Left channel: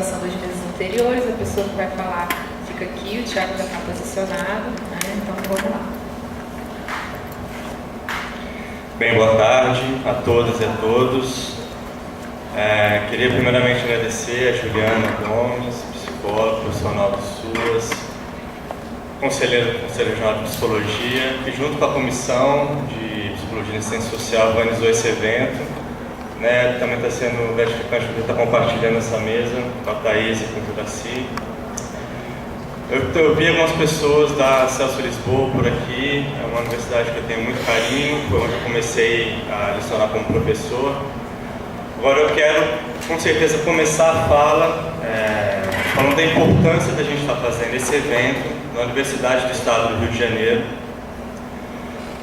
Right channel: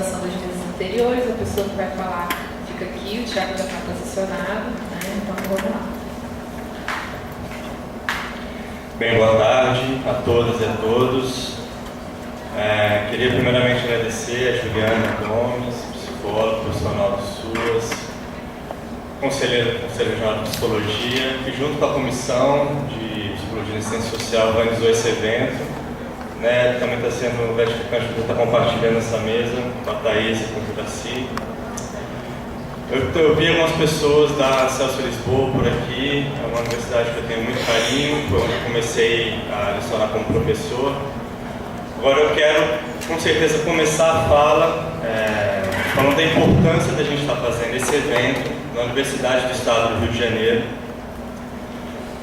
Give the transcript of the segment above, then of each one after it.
organização das mesas anteriores, a pessoa que vai falar fica aqui, o Thiago já está posicionado, né? Então vamos lá. Bem, boa tarde a todas e a todos. Queria primeiramente agradecer a Juliana Gomes, psicóloga, profissional do SUAS, conselheira do Conselho Regional de Psicologia, que junto com a Comissão de Psicologia e Assistência Social organizou esse evento. Também está sendo gratificante poder estar compartilhando essa mesa com a Thaís e com o Juraci. Eu vi algumas pessoas da Celso Lisboa por aqui, é uma universidade que eu tenho muito carinho, foi onde eu comecei a lecionar como professor. Agora eu quero, com certeza, começar a fala falando da importância da gente estar fazendo esse evento na Universidade do Estado do Rio de Janeiro,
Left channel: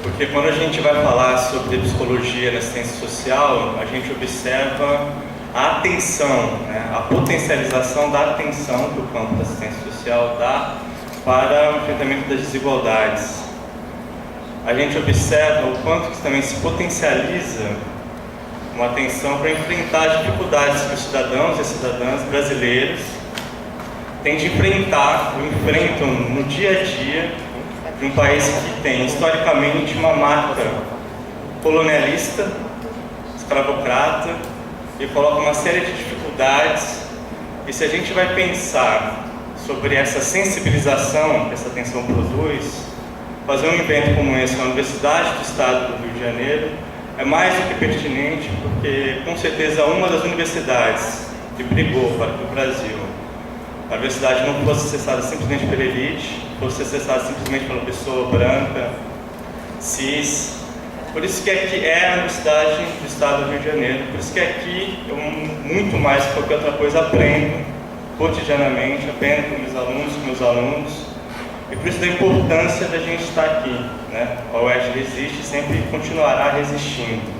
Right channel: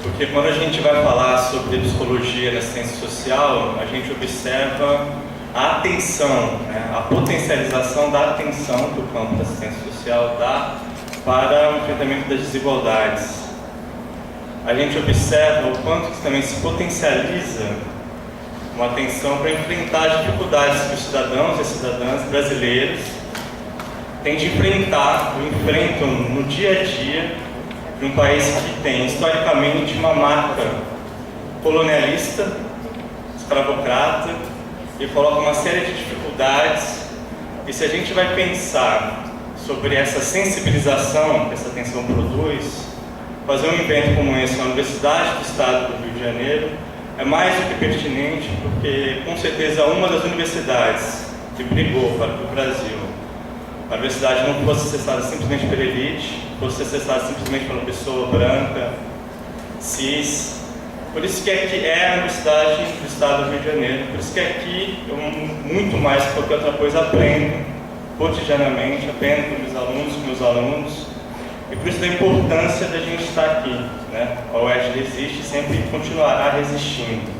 porque quando a gente vai falar sobre psicologia na assistência social, a gente observa a atenção, a potencialização da atenção que o campo da assistência social dá para o enfrentamento das desigualdades. A gente observa o quanto que também se potencializa uma atenção para enfrentar as dificuldades que os cidadãos e as cidadãs brasileiros têm de enfrentar, ou enfrentam no dia a dia, de um país que tem historicamente uma marca colonialista, escravocrata, e coloca uma série de dificuldades. E se a gente vai pensar sobre essa sensibilização que essa atenção produz, fazer um evento como esse na Universidade do Estado do Rio de Janeiro é mais do que pertinente, porque com certeza uma das universidades que brigou para que o Brasil, a universidade não fosse acessada simplesmente pela elite, fosse acessada simplesmente pela pessoa branca, cis. Por isso que aqui é a Universidade do Estado do Rio de Janeiro, por isso que aqui eu, muito mais que qualquer outra coisa, aprendo cotidianamente, aprendo com meus alunos, e por isso da importância da gente estar aqui, A UERJ existe e sempre continuará resistindo.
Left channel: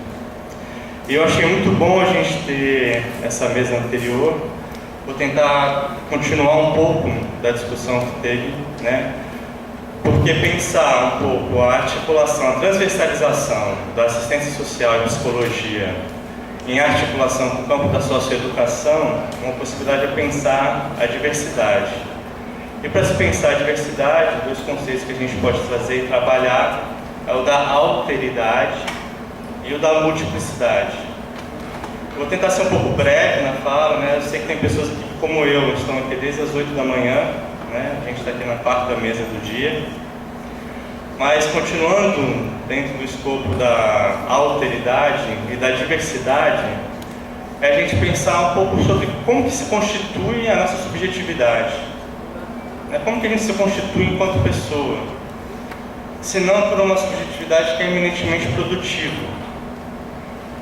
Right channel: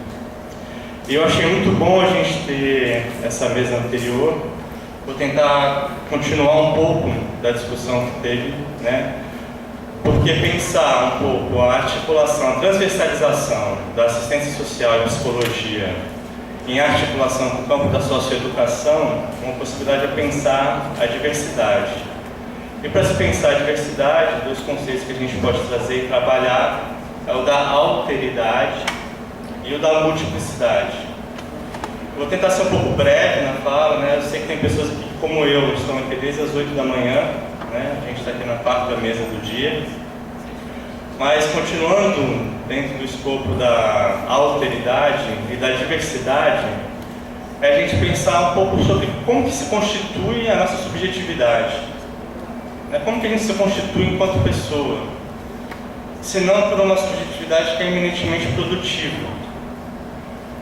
E eu achei muito bom a gente ter essa mesa anterior. Vou tentar continuar um pouco da discussão que teve, porque pensar um pouco a articulação, a transversalização da assistência social e psicologia em articulação com o campo da socioeducação, uma possibilidade é pensar a diversidade. E para se pensar a diversidade, dois conceitos que a gente pode trazer e trabalhar é o da alteridade e o da multiplicidade. Vou tentar ser um pouco breve na fala, Eu sei que tem pessoas aqui, como eu, estão aqui desde as 8 da manhã, A gente está aqui na quarta mesa do dia. Mas, continuando dentro do escopo da alteridade e da diversidade, é a gente pensar um pouco sobre como que se constitui a nossa subjetividade. Como que a gente se constitui enquanto pessoa, se não por uma subjetividade que é eminentemente produtiva.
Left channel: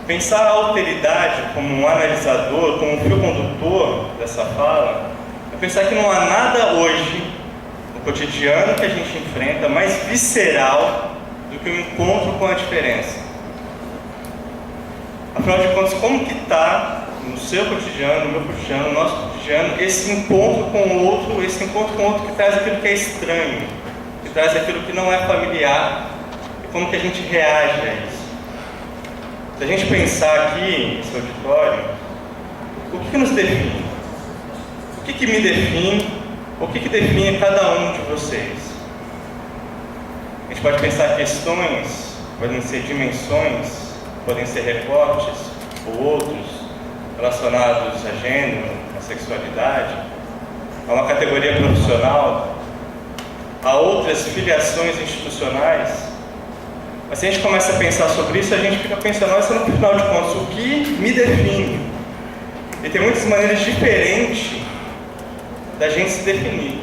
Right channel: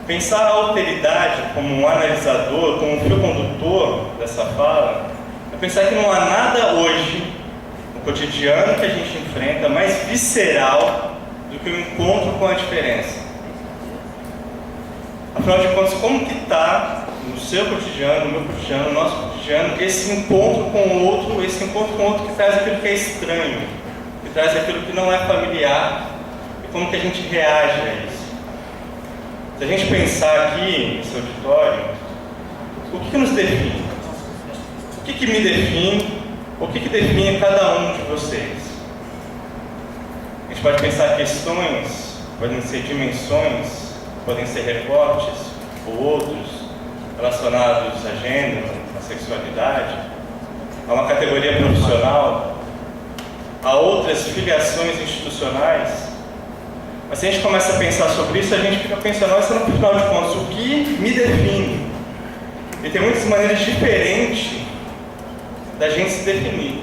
Pensar a alteridade como um analisador, como um fio condutor dessa fala, é pensar que não há nada hoje, no cotidiano que a gente enfrenta, mais visceral do que o encontro com a diferença. Afinal de contas, como que está no seu cotidiano, no meu cotidiano, no nosso cotidiano, esse encontro com o outro que traz aquilo que é estranho, que traz aquilo que não é familiar, e como que a gente reage a isso. Se a gente pensar aqui nesse auditório, o que nos define? O que me define? O que define cada um de vocês? A gente pode pensar questões, podem ser dimensões, podem ser recortes ou outros relacionados a gênero, a sexualidade, a uma categoria profissional, a outras filiações institucionais. Mas se a gente começa a pensar sobre isso, a gente fica pensando, no final de contas, o que me define? E tem muitas maneiras diferentes da gente se definir.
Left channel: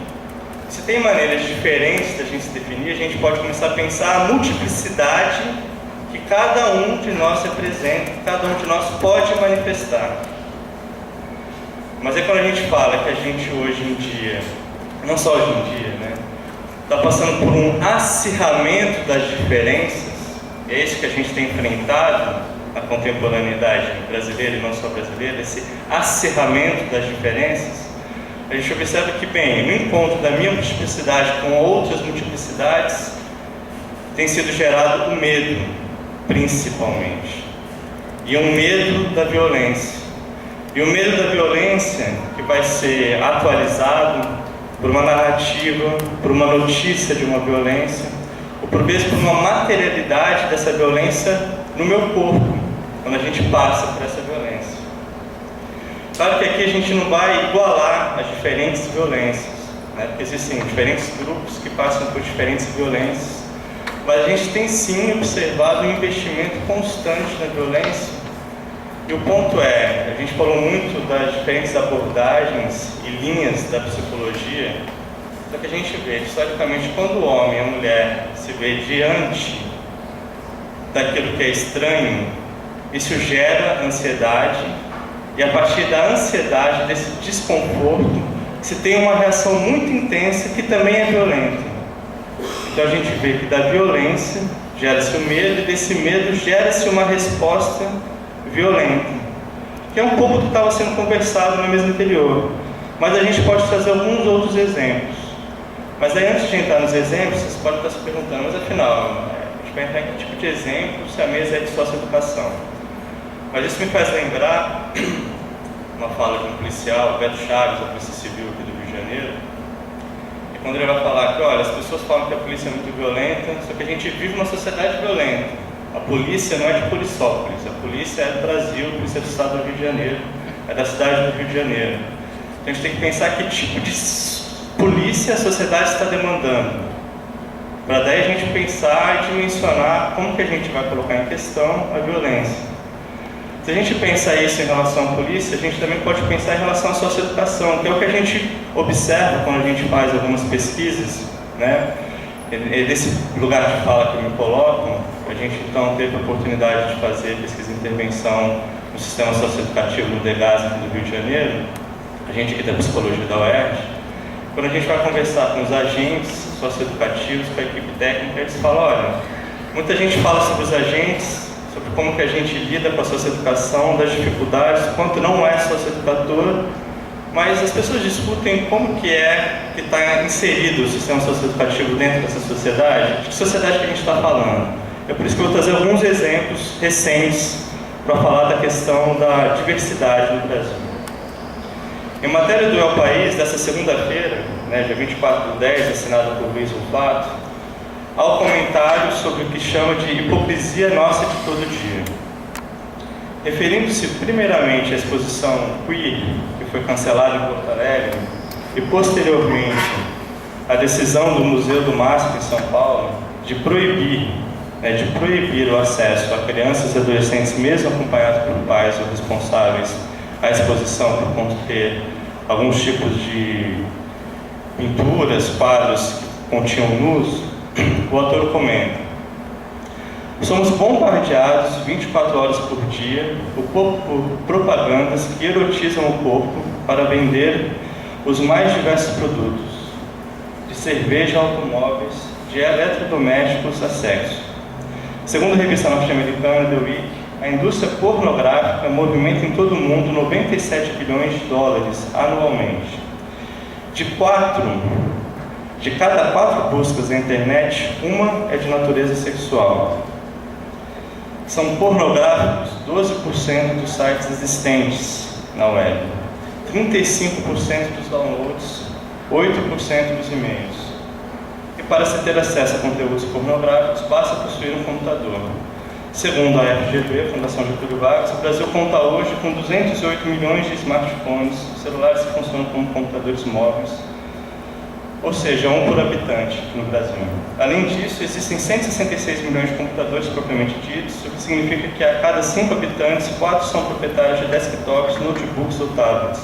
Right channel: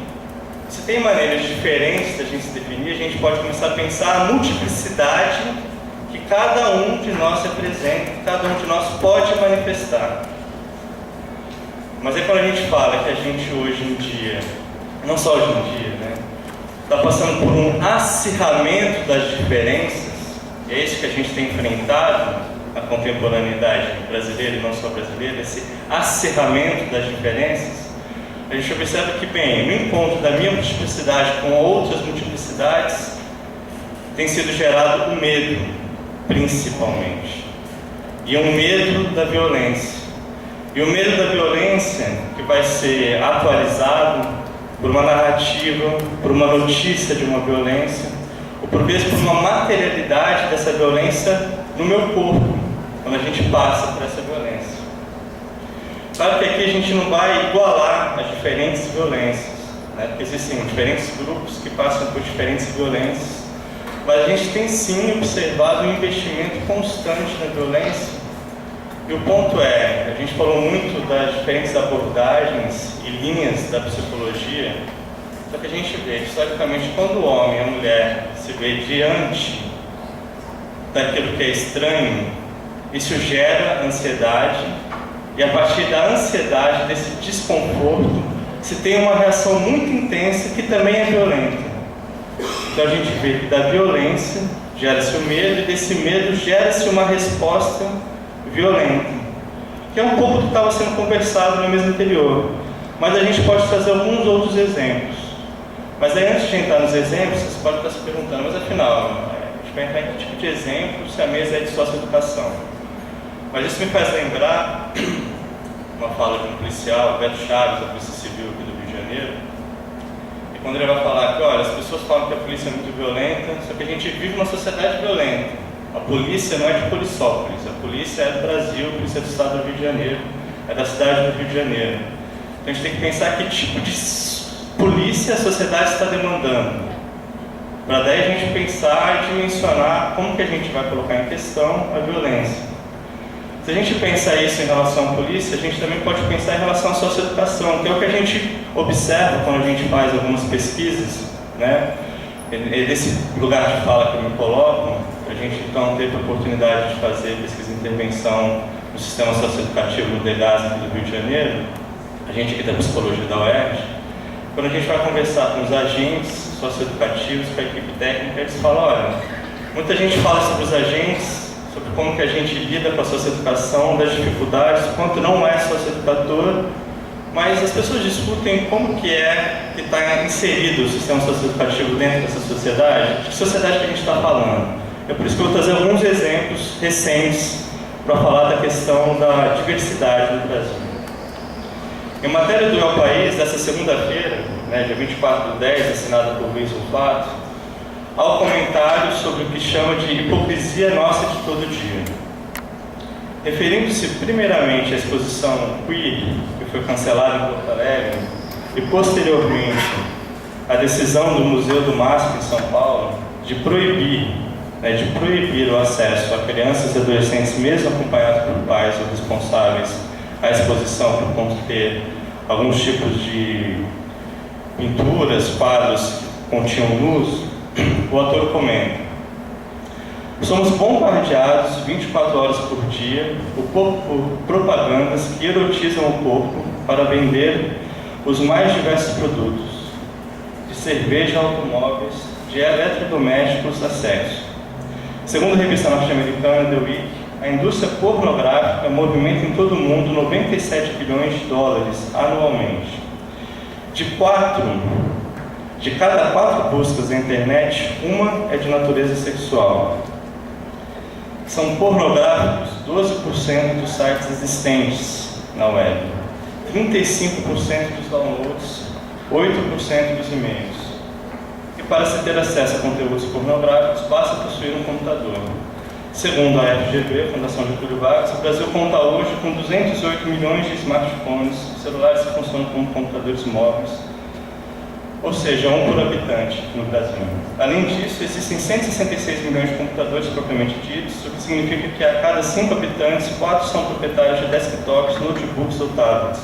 Se tem maneiras diferentes da gente se definir, a gente pode começar a pensar a multiplicidade que cada um de nós representa, que cada um de nós pode manifestar. Mas é quando a gente fala que a gente hoje em dia, não só hoje em dia, está passando por um acirramento das diferenças, e é isso que a gente tem enfrentado na contemporaneidade brasileira e não só brasileira, esse acirramento das diferenças, a gente observa que, no encontro da minha multiplicidade com outras multiplicidades, tem sido gerado o medo, principalmente. E um medo da violência. E o medo da violência, que vai ser atualizado por uma narrativa, por uma notícia de uma violência, ou por vezes por uma materialidade dessa violência no meu corpo, quando a gente passa por essa violência. Claro que aqui a gente não vai igualar as diferentes violências, né? Porque existem diferentes grupos que passam por diferentes violências, mas a gente tem sim observado um investimento constante na violência. E o ponto é, a gente falou muito das diferentes abordagens e linhas da psicologia, só que a gente vê, historicamente, quando o homem e a mulher se vê diante daquilo que é estranho, isso gera ansiedade, e a partir da ansiedade, desse desconforto, se tem uma reação muito intensa que também é violenta. Então a gente vê que da violência gera-se o medo, e desse medo gera-se uma resposta violenta, que é um pouco do que estava sendo conversado no mês anterior, mas a gente pode trazer alguns outros exemplos. Mas aí, antes de entrar nos exemplos, vocês podem estar se perguntando, mas afinal, a gente vai entrar em que tipo de exemplo se a mesa é de socioeducação? Mas isso me faz lembrar uma fala de um policial, Beto Chaves, da Polícia Civil aqui do Rio de Janeiro, e quando ele vai falar que, olha, as pessoas falam que a polícia é muito violenta, só que a gente vive uma sociedade violenta. A polícia não é de Polissópolis, a polícia é do Brasil, a polícia é do estado do Rio de Janeiro, é da cidade do Rio de Janeiro. Então a gente tem que pensar que tipo de polícia a sociedade está demandando, para daí a gente pensar e dimensionar como que a gente vai colocar em questão a violência. Se a gente pensar isso em relação à polícia, a gente também pode pensar em relação à socioeducação, que é o que a gente observa quando a gente faz algumas pesquisas, né? E desse lugar de fala que me colocam, a gente então teve a oportunidade de fazer pesquisa e intervenção no sistema socioeducativo no DEGAS aqui do Rio de Janeiro, a gente aqui da psicologia da UERJ. Quando a gente vai conversar com os agentes socioeducativos, com a equipe técnica, eles falam, olha, muita gente fala sobre os agentes, sobre como que a gente lida com a socioeducação, das dificuldades, quanto não é socioeducador, mas as pessoas discutem como que é que está inserido o sistema socioeducativo dentro dessa sociedade. De que sociedade que a gente está falando? É por isso que eu vou trazer alguns exemplos recentes para falar da questão da diversidade no Brasil. Em matéria do El País, dessa segunda-feira, né, dia 24/10, assinada por Luiz Rufato, há um comentário sobre o que chama de hipocrisia nossa de todo dia. Referindo-se primeiramente à exposição Queer, que foi cancelada em Porto Alegre, e posteriormente à decisão do Museu do MASP em São Paulo de proibir o acesso a crianças e adolescentes, mesmo acompanhados por pais ou responsáveis, à exposição por conter alguns tipos de pinturas, quadros que continham nus, o autor comenta: somos bombardeados 24 horas por dia por propagandas que erotizam o corpo para vender os mais diversos produtos, de cerveja a automóveis, de eletrodomésticos a sexo. Segundo a revista norte-americana The Week, a indústria pornográfica movimenta em todo o mundo 97 bilhões de dólares anualmente. De cada 4 buscas na internet, uma é de natureza sexual. São pornográficos 12% dos sites existentes na web, 35% dos downloads, 8% dos e-mails. E para se ter acesso a conteúdos pornográficos, basta possuir um computador. Segundo a FGV, Fundação Getúlio Vargas, o Brasil conta hoje com 208 milhões de smartphones, celulares que funcionam como computadores móveis, ou seja, 1 por habitante no Brasil. Além disso, existem 166 milhões de computadores propriamente ditos, o que significa que a cada 5 habitantes, 4 são proprietários de desktops, notebooks ou tablets.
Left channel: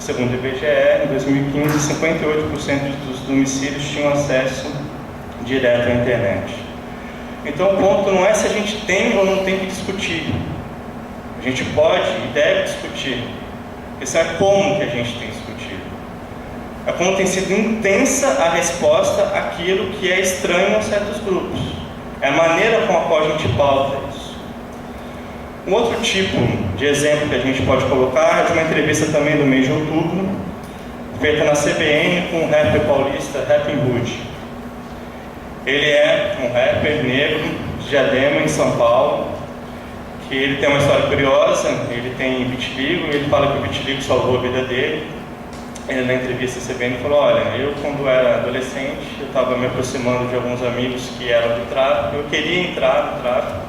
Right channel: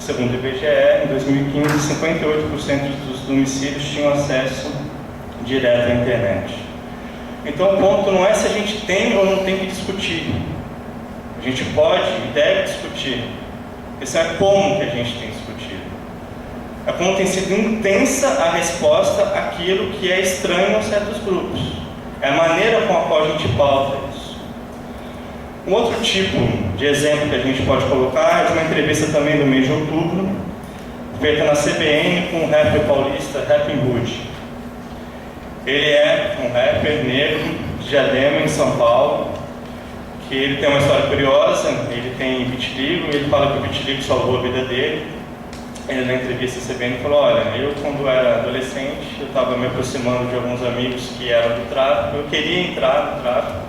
Segundo o IBGE, em 2015, 58% dos domicílios tinham acesso direto à internet. Então, o ponto não é se a gente tem ou não tem que discutir. A gente pode e deve discutir. A questão é como que a gente tem discutido. É como tem sido intensa a resposta àquilo que é estranho a certos grupos. É a maneira com a qual a gente pauta isso. Um outro tipo de exemplo que a gente pode colocar é de uma entrevista também do mês de outubro, feita na CBN com o rapper paulista Rapping Hood. Ele é um rapper negro de Diadema, em São Paulo, que ele tem uma história curiosa, ele tem vitiligo, e ele fala que o vitiligo salvou a vida dele. Ele, na entrevista recebendo, falou: olha, eu quando era adolescente, eu estava me aproximando de alguns amigos que eram do tráfico, eu queria entrar no tráfico,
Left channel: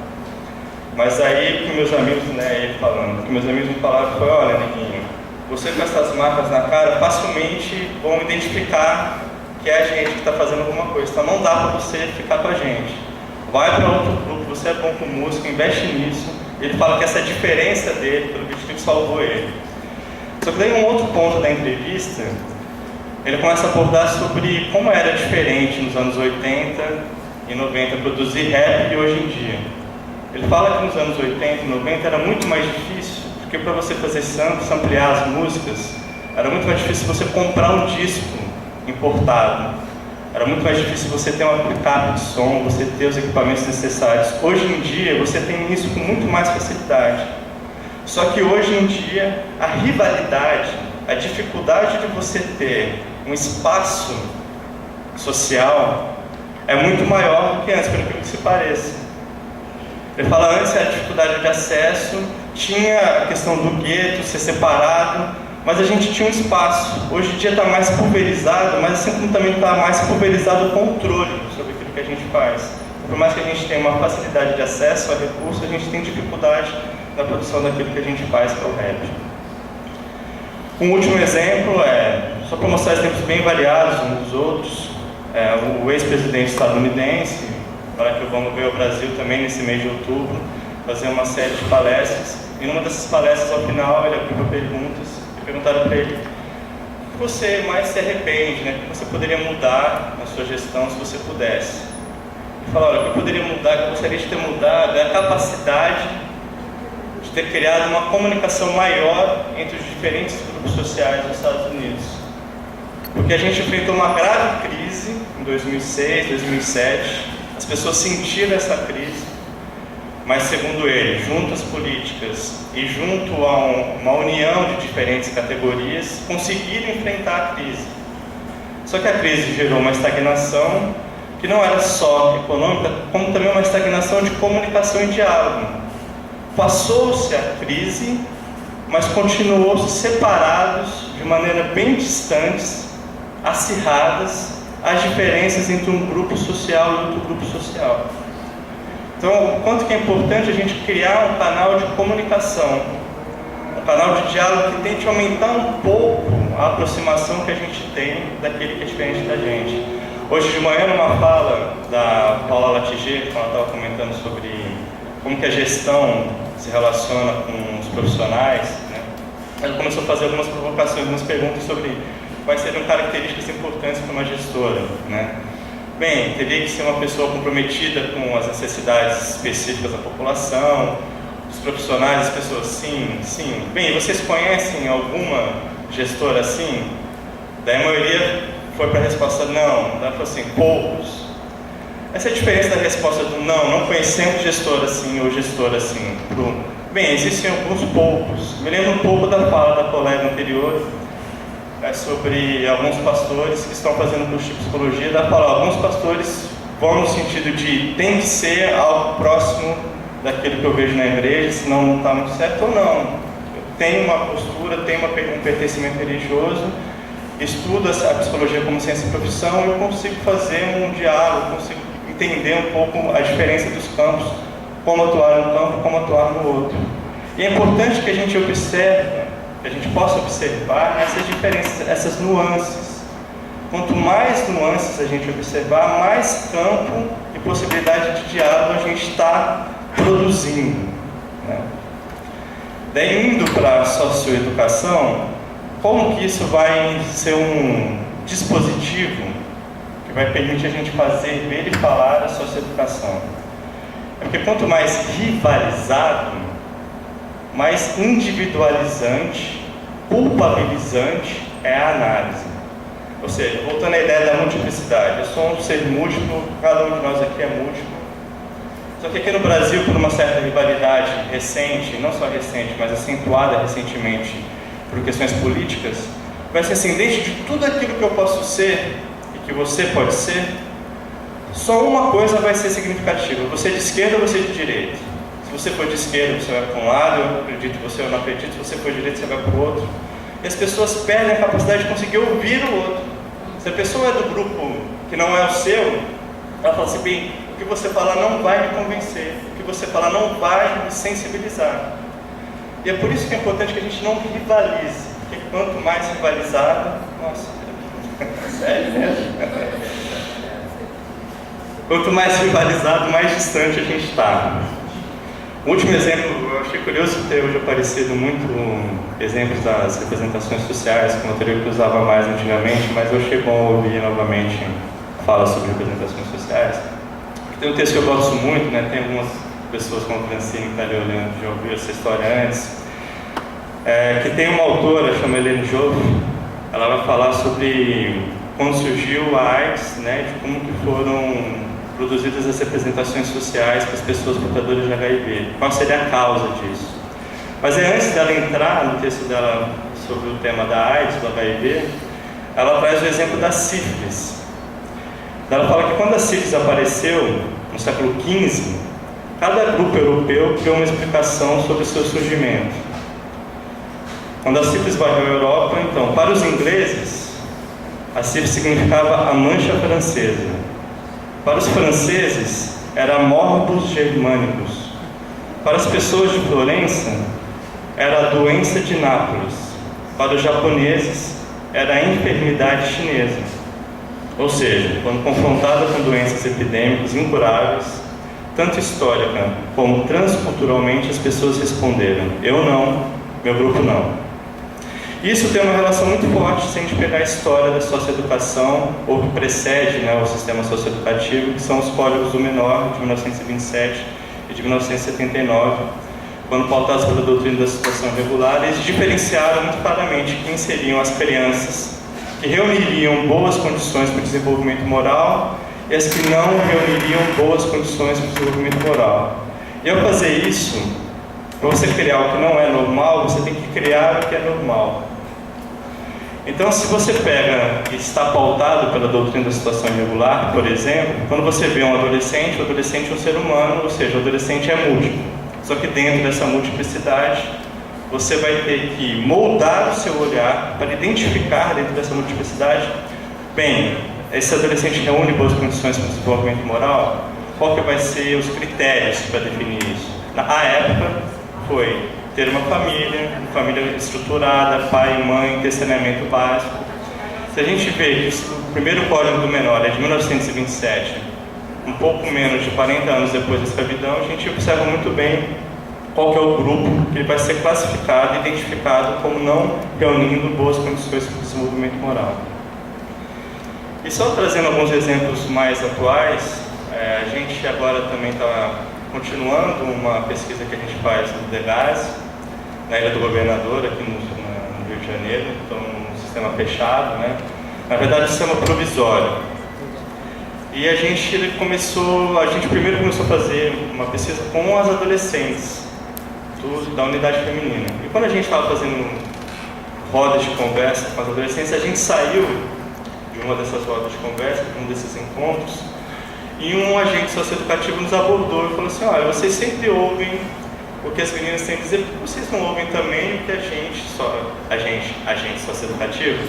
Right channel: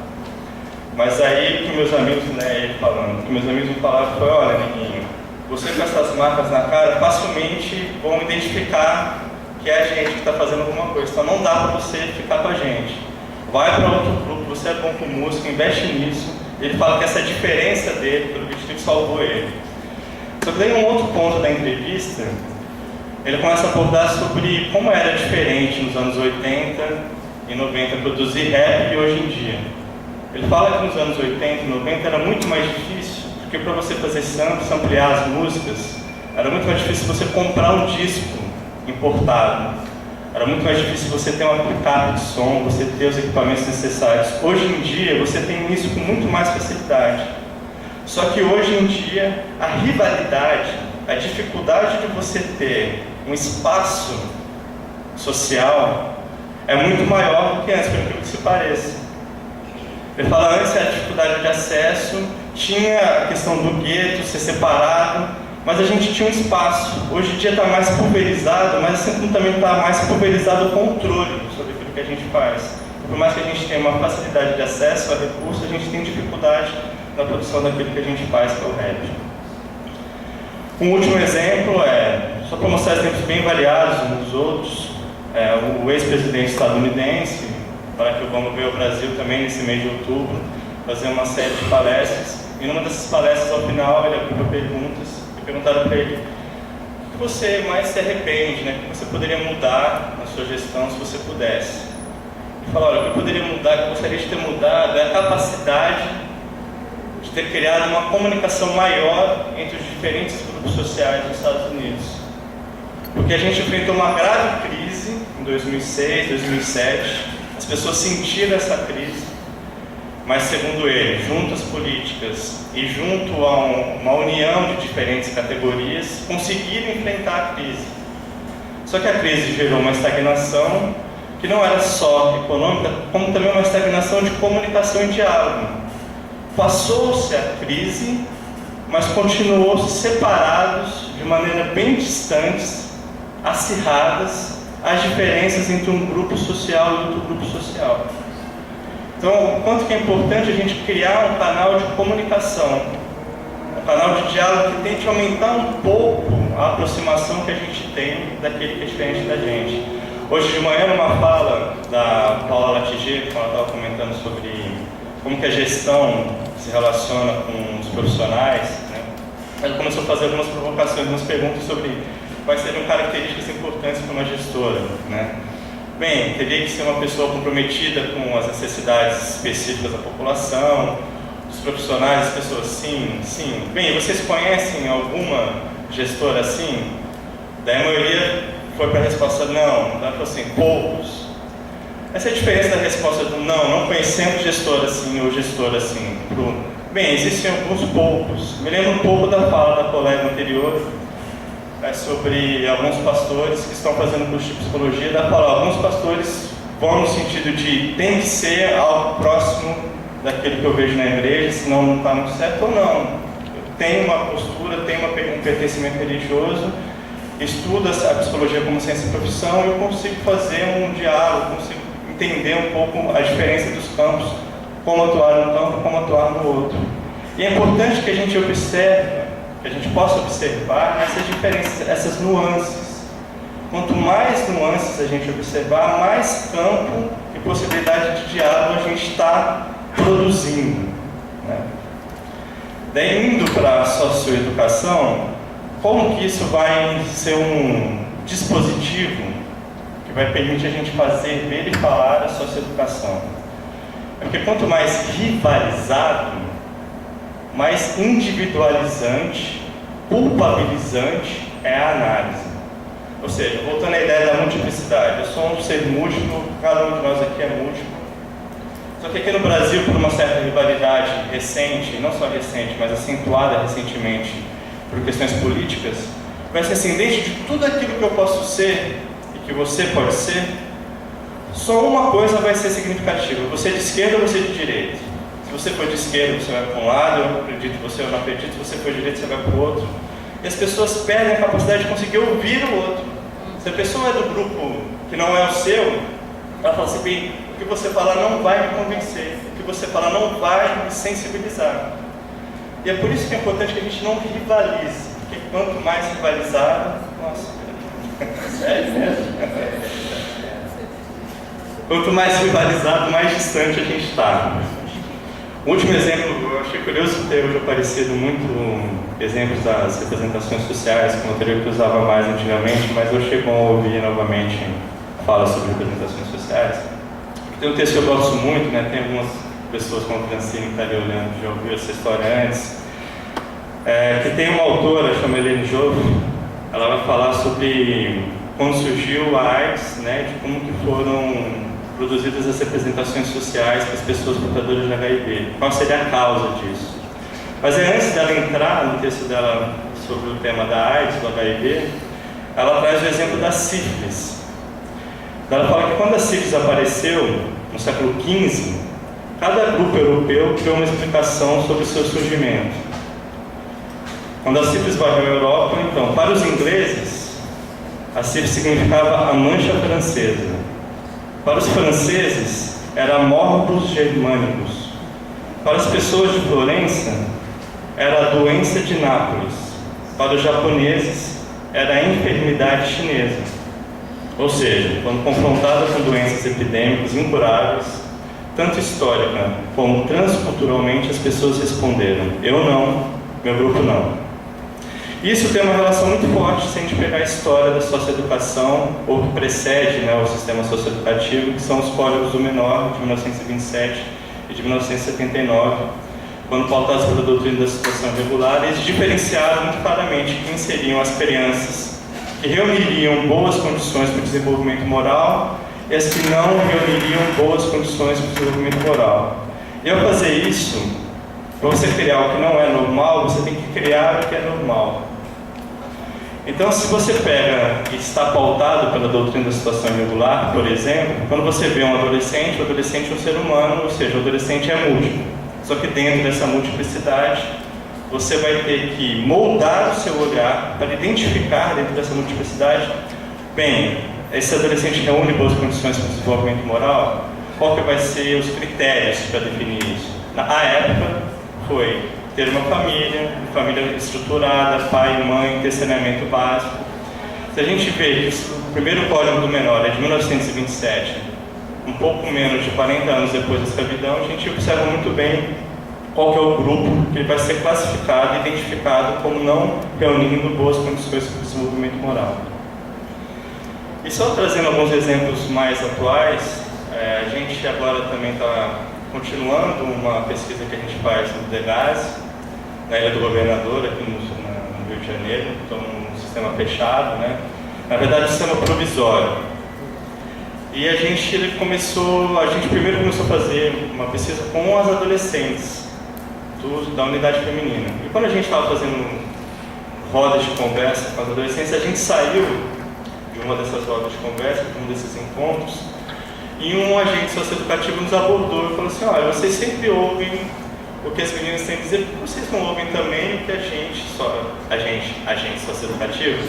mas aí que meus amigos, ele falando, que meus amigos me falaram foi: olha, neguinho, você com essas marcas na cara, facilmente vão identificar que é a gente que está fazendo alguma coisa, então não dá para você ficar com a gente, vai para outro grupo, você é bom com música, investe nisso. Ele fala que essa diferença dele, pelo vitiligo, salvou ele. Só que daí, um outro ponto da entrevista, ele começa a abordar sobre como era diferente nos anos 80 e 90 produzir rap e hoje em dia. Ele fala que nos anos 80 e 90 era muito mais difícil, porque para você fazer ampliar as músicas, era muito mais difícil você comprar um disco importado. Era muito mais difícil você ter um aplicativo de som, você ter os equipamentos necessários. Hoje em dia, você tem isso com muito mais facilidade. Só que hoje em dia, a rivalidade, a dificuldade de você ter um espaço social é muito maior do que antes, por aquilo que se pareça. Ele fala, antes a dificuldade de acesso, tinha a questão do gueto, ser separado, mas a gente tinha um espaço. Hoje em dia está mais pulverizado, mas assim como também está mais pulverizado o controle sobre aquilo que a gente faz. Por mais que a gente tenha uma facilidade de acesso a recursos, a gente tem dificuldade na produção daquilo que a gente faz para o rap. Um último exemplo só para mostrar exemplos bem variados uns dos outros, o ex-presidente estadunidense, Barack Obama veio ao Brasil também nesse mês de outubro, fazer uma série de palestras, e numa dessas palestras, ao final, ele abriu para perguntas, e perguntaram para ele: o que você mais se arrepende, o que você poderia mudar na sua gestão se você pudesse? Ele falou: olha, o que eu poderia mudar, que eu gostaria de ter mudado, é a capacidade de ter criado uma comunicação maior entre os diferentes grupos sociais dos Estados Unidos. Porque a gente enfrentou uma grave crise em 2006, 2007, as pessoas sentiram essa crise, mas segundo ele, junto às políticas e junto a uma união de diferentes categorias, conseguiram enfrentar a crise. Só que a crise gerou uma estagnação que não era só econômica, como também uma estagnação de comunicação e diálogo. Passou-se a crise, mas continuou-se separados de maneira bem distantes, acirradas, as diferenças entre um grupo social e outro grupo social. Então, o quanto que é importante a gente criar um canal de comunicação, um canal de diálogo que tente aumentar um pouco a aproximação que a gente tem daquele que é diferente da gente. Hoje de manhã, numa fala da Paula Latiger, quando ela estava comentando sobre como que a gestão se relaciona com os profissionais, ela começou a fazer algumas provocações, algumas perguntas sobre quais seriam características importantes para uma gestora, Bem, teria que ser uma pessoa comprometida com as necessidades específicas da população, dos profissionais, as pessoas, sim. Bem, vocês conhecem alguma gestora assim? Daí a maioria foi para a resposta não, ela falou assim, poucos. Essa é a diferença da resposta do não conhecemos gestora assim ou gestora assim. Bem, existem alguns poucos. Me lembro um pouco da fala da colega anterior, sobre alguns pastores que estão fazendo curso de psicologia. Ela fala, alguns pastores vão no sentido de tem que ser algo próximo daquilo que eu vejo na igreja, senão não está muito certo, ou não. Tem uma postura, tem um pertencimento religioso, estudo a psicologia como ciência e profissão, eu consigo fazer um diálogo, consigo entender um pouco a diferença dos campos, como atuar num campo, como atuar no outro. E é importante que a gente observe, que a gente possa observar essas diferenças, essas nuances. Quanto mais nuances a gente observar, mais campo e possibilidade de diálogo a gente está produzindo. Daí, indo para a socioeducação, como que isso vai ser um dispositivo que vai permitir a gente fazer, ver e falar a socioeducação? Porque quanto mais rivalizado, mais individualizante, culpabilizante é a análise. Ou seja, voltando à ideia da multiplicidade, eu sou um ser múltiplo, cada um de nós aqui é múltiplo. Só que aqui no Brasil, por uma certa rivalidade recente, não só recente, mas acentuada recentemente por questões políticas, vai ser assim, dentro de tudo aquilo que eu posso ser e que você pode ser, só uma coisa vai ser significativa, você é de esquerda ou você é de direita. Se você for de esquerda, você vai para um lado, eu acredito, você não acredita, se você for de direita, você vai para o outro. E as pessoas perdem a capacidade de conseguir ouvir o outro. Se a pessoa é do grupo que não é o seu, ela fala assim, bem, o que você falar não vai me convencer, o que você falar não vai me sensibilizar. E é por isso que é importante que a gente não rivalize, porque quanto mais rivalizado, nossa, sério mesmo? Quanto mais rivalizado, mais distante a gente está. O último exemplo, eu achei curioso ter hoje aparecido muito exemplos das representações sociais, que eu teria que usava mais antigamente, mas eu achei bom ouvir novamente fala sobre representações sociais. Tem um texto que eu gosto muito, né? Tem algumas pessoas como a Francine que está ali olhando, já ouviu essa história antes, que tem uma autora, chama Helene Joffe, ela vai falar sobre quando surgiu a AIDS, né? De como que foram produzidas as representações sociais para as pessoas portadoras de HIV. Qual seria a causa disso? Mas antes dela entrar no texto dela sobre o tema da AIDS, do HIV, ela traz o exemplo da sífilis. Ela fala que quando a sífilis apareceu, no século XV, cada grupo europeu criou uma explicação sobre o seu surgimento. Quando a sífilis varreu a Europa, então, para os ingleses, a sífilis significava a mancha francesa. Para os franceses, era morbus germanicus. Para as pessoas de Florença, era a doença de Nápoles. Para os japoneses, era a enfermidade chinesa. Ou seja, quando confrontada com doenças epidêmicas incuráveis, tanto histórica como transculturalmente, as pessoas responderam: eu não, meu grupo não. Isso tem uma relação muito forte se a gente pegar a história da socioeducação, ou que precede, né, o sistema socioeducativo, que são os Códigos do Menor, de 1927 e de 1979, quando pautados pela doutrina da situação regular, eles diferenciaram muito claramente quem seriam as crianças que reuniriam boas condições para o desenvolvimento moral e as que não reuniriam boas condições para o desenvolvimento moral. E ao fazer isso, para você criar o que não é normal, você tem que criar o que é normal. Então, se você pega e está pautado pela doutrina da situação irregular, por exemplo, quando você vê um adolescente, o adolescente é um ser humano, ou seja, o adolescente é múltiplo. Só que dentro dessa multiplicidade, você vai ter que moldar o seu olhar para identificar dentro dessa multiplicidade, bem, esse adolescente reúne boas condições para o desenvolvimento moral, qual que vai ser os critérios para definir isso? Na época, foi ter uma família estruturada, pai e mãe, ter saneamento básico. Se a gente vê que o primeiro Código do Menor é de 1927, um pouco menos de 40 anos depois da escravidão, a gente observa muito bem qual que é o grupo que ele vai ser classificado e identificado como não reunindo boas condições para o desenvolvimento moral. E só trazendo alguns exemplos mais atuais, a gente agora também está continuando uma pesquisa que a gente faz no DEGASE, na Ilha do Governador, aqui no Rio de Janeiro, então um sistema fechado, né? Na verdade, um sistema provisório. E a gente primeiro começou a fazer uma pesquisa com as adolescentes da unidade feminina. E quando a gente estava fazendo rodas de conversa com as adolescentes, a gente saiu de uma dessas rodas de conversa, de um desses encontros, e um agente socioeducativo nos abordou e falou assim: olha, vocês sempre ouvem o que as meninas têm a dizer, porque vocês não ouvem também o que agente socioeducativo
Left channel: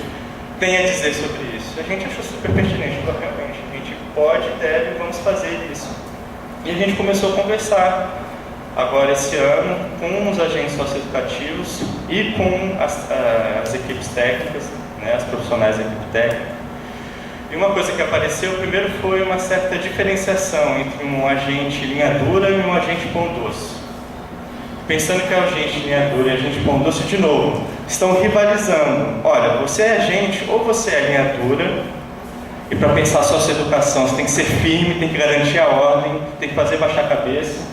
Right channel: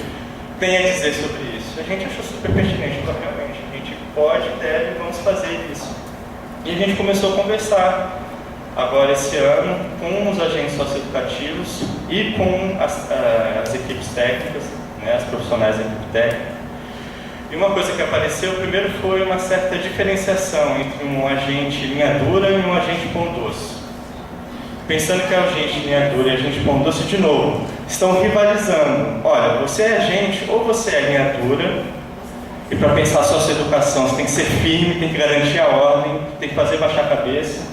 tem a dizer sobre isso. A gente achou super pertinente, porque realmente a gente pode, deve, vamos fazer isso. E a gente começou a conversar agora esse ano com os agentes socioeducativos e com as equipes técnicas, né, as profissionais da equipe técnica. E uma coisa que apareceu, primeiro, foi uma certa diferenciação entre um agente linha dura e um agente pão doce. Pensando que é agente linha dura e agente pão doce, de novo, estão rivalizando. Olha, você é agente ou você é linha dura, e para pensar a socioeducação você tem que ser firme, tem que garantir a ordem, tem que fazer baixar a cabeça.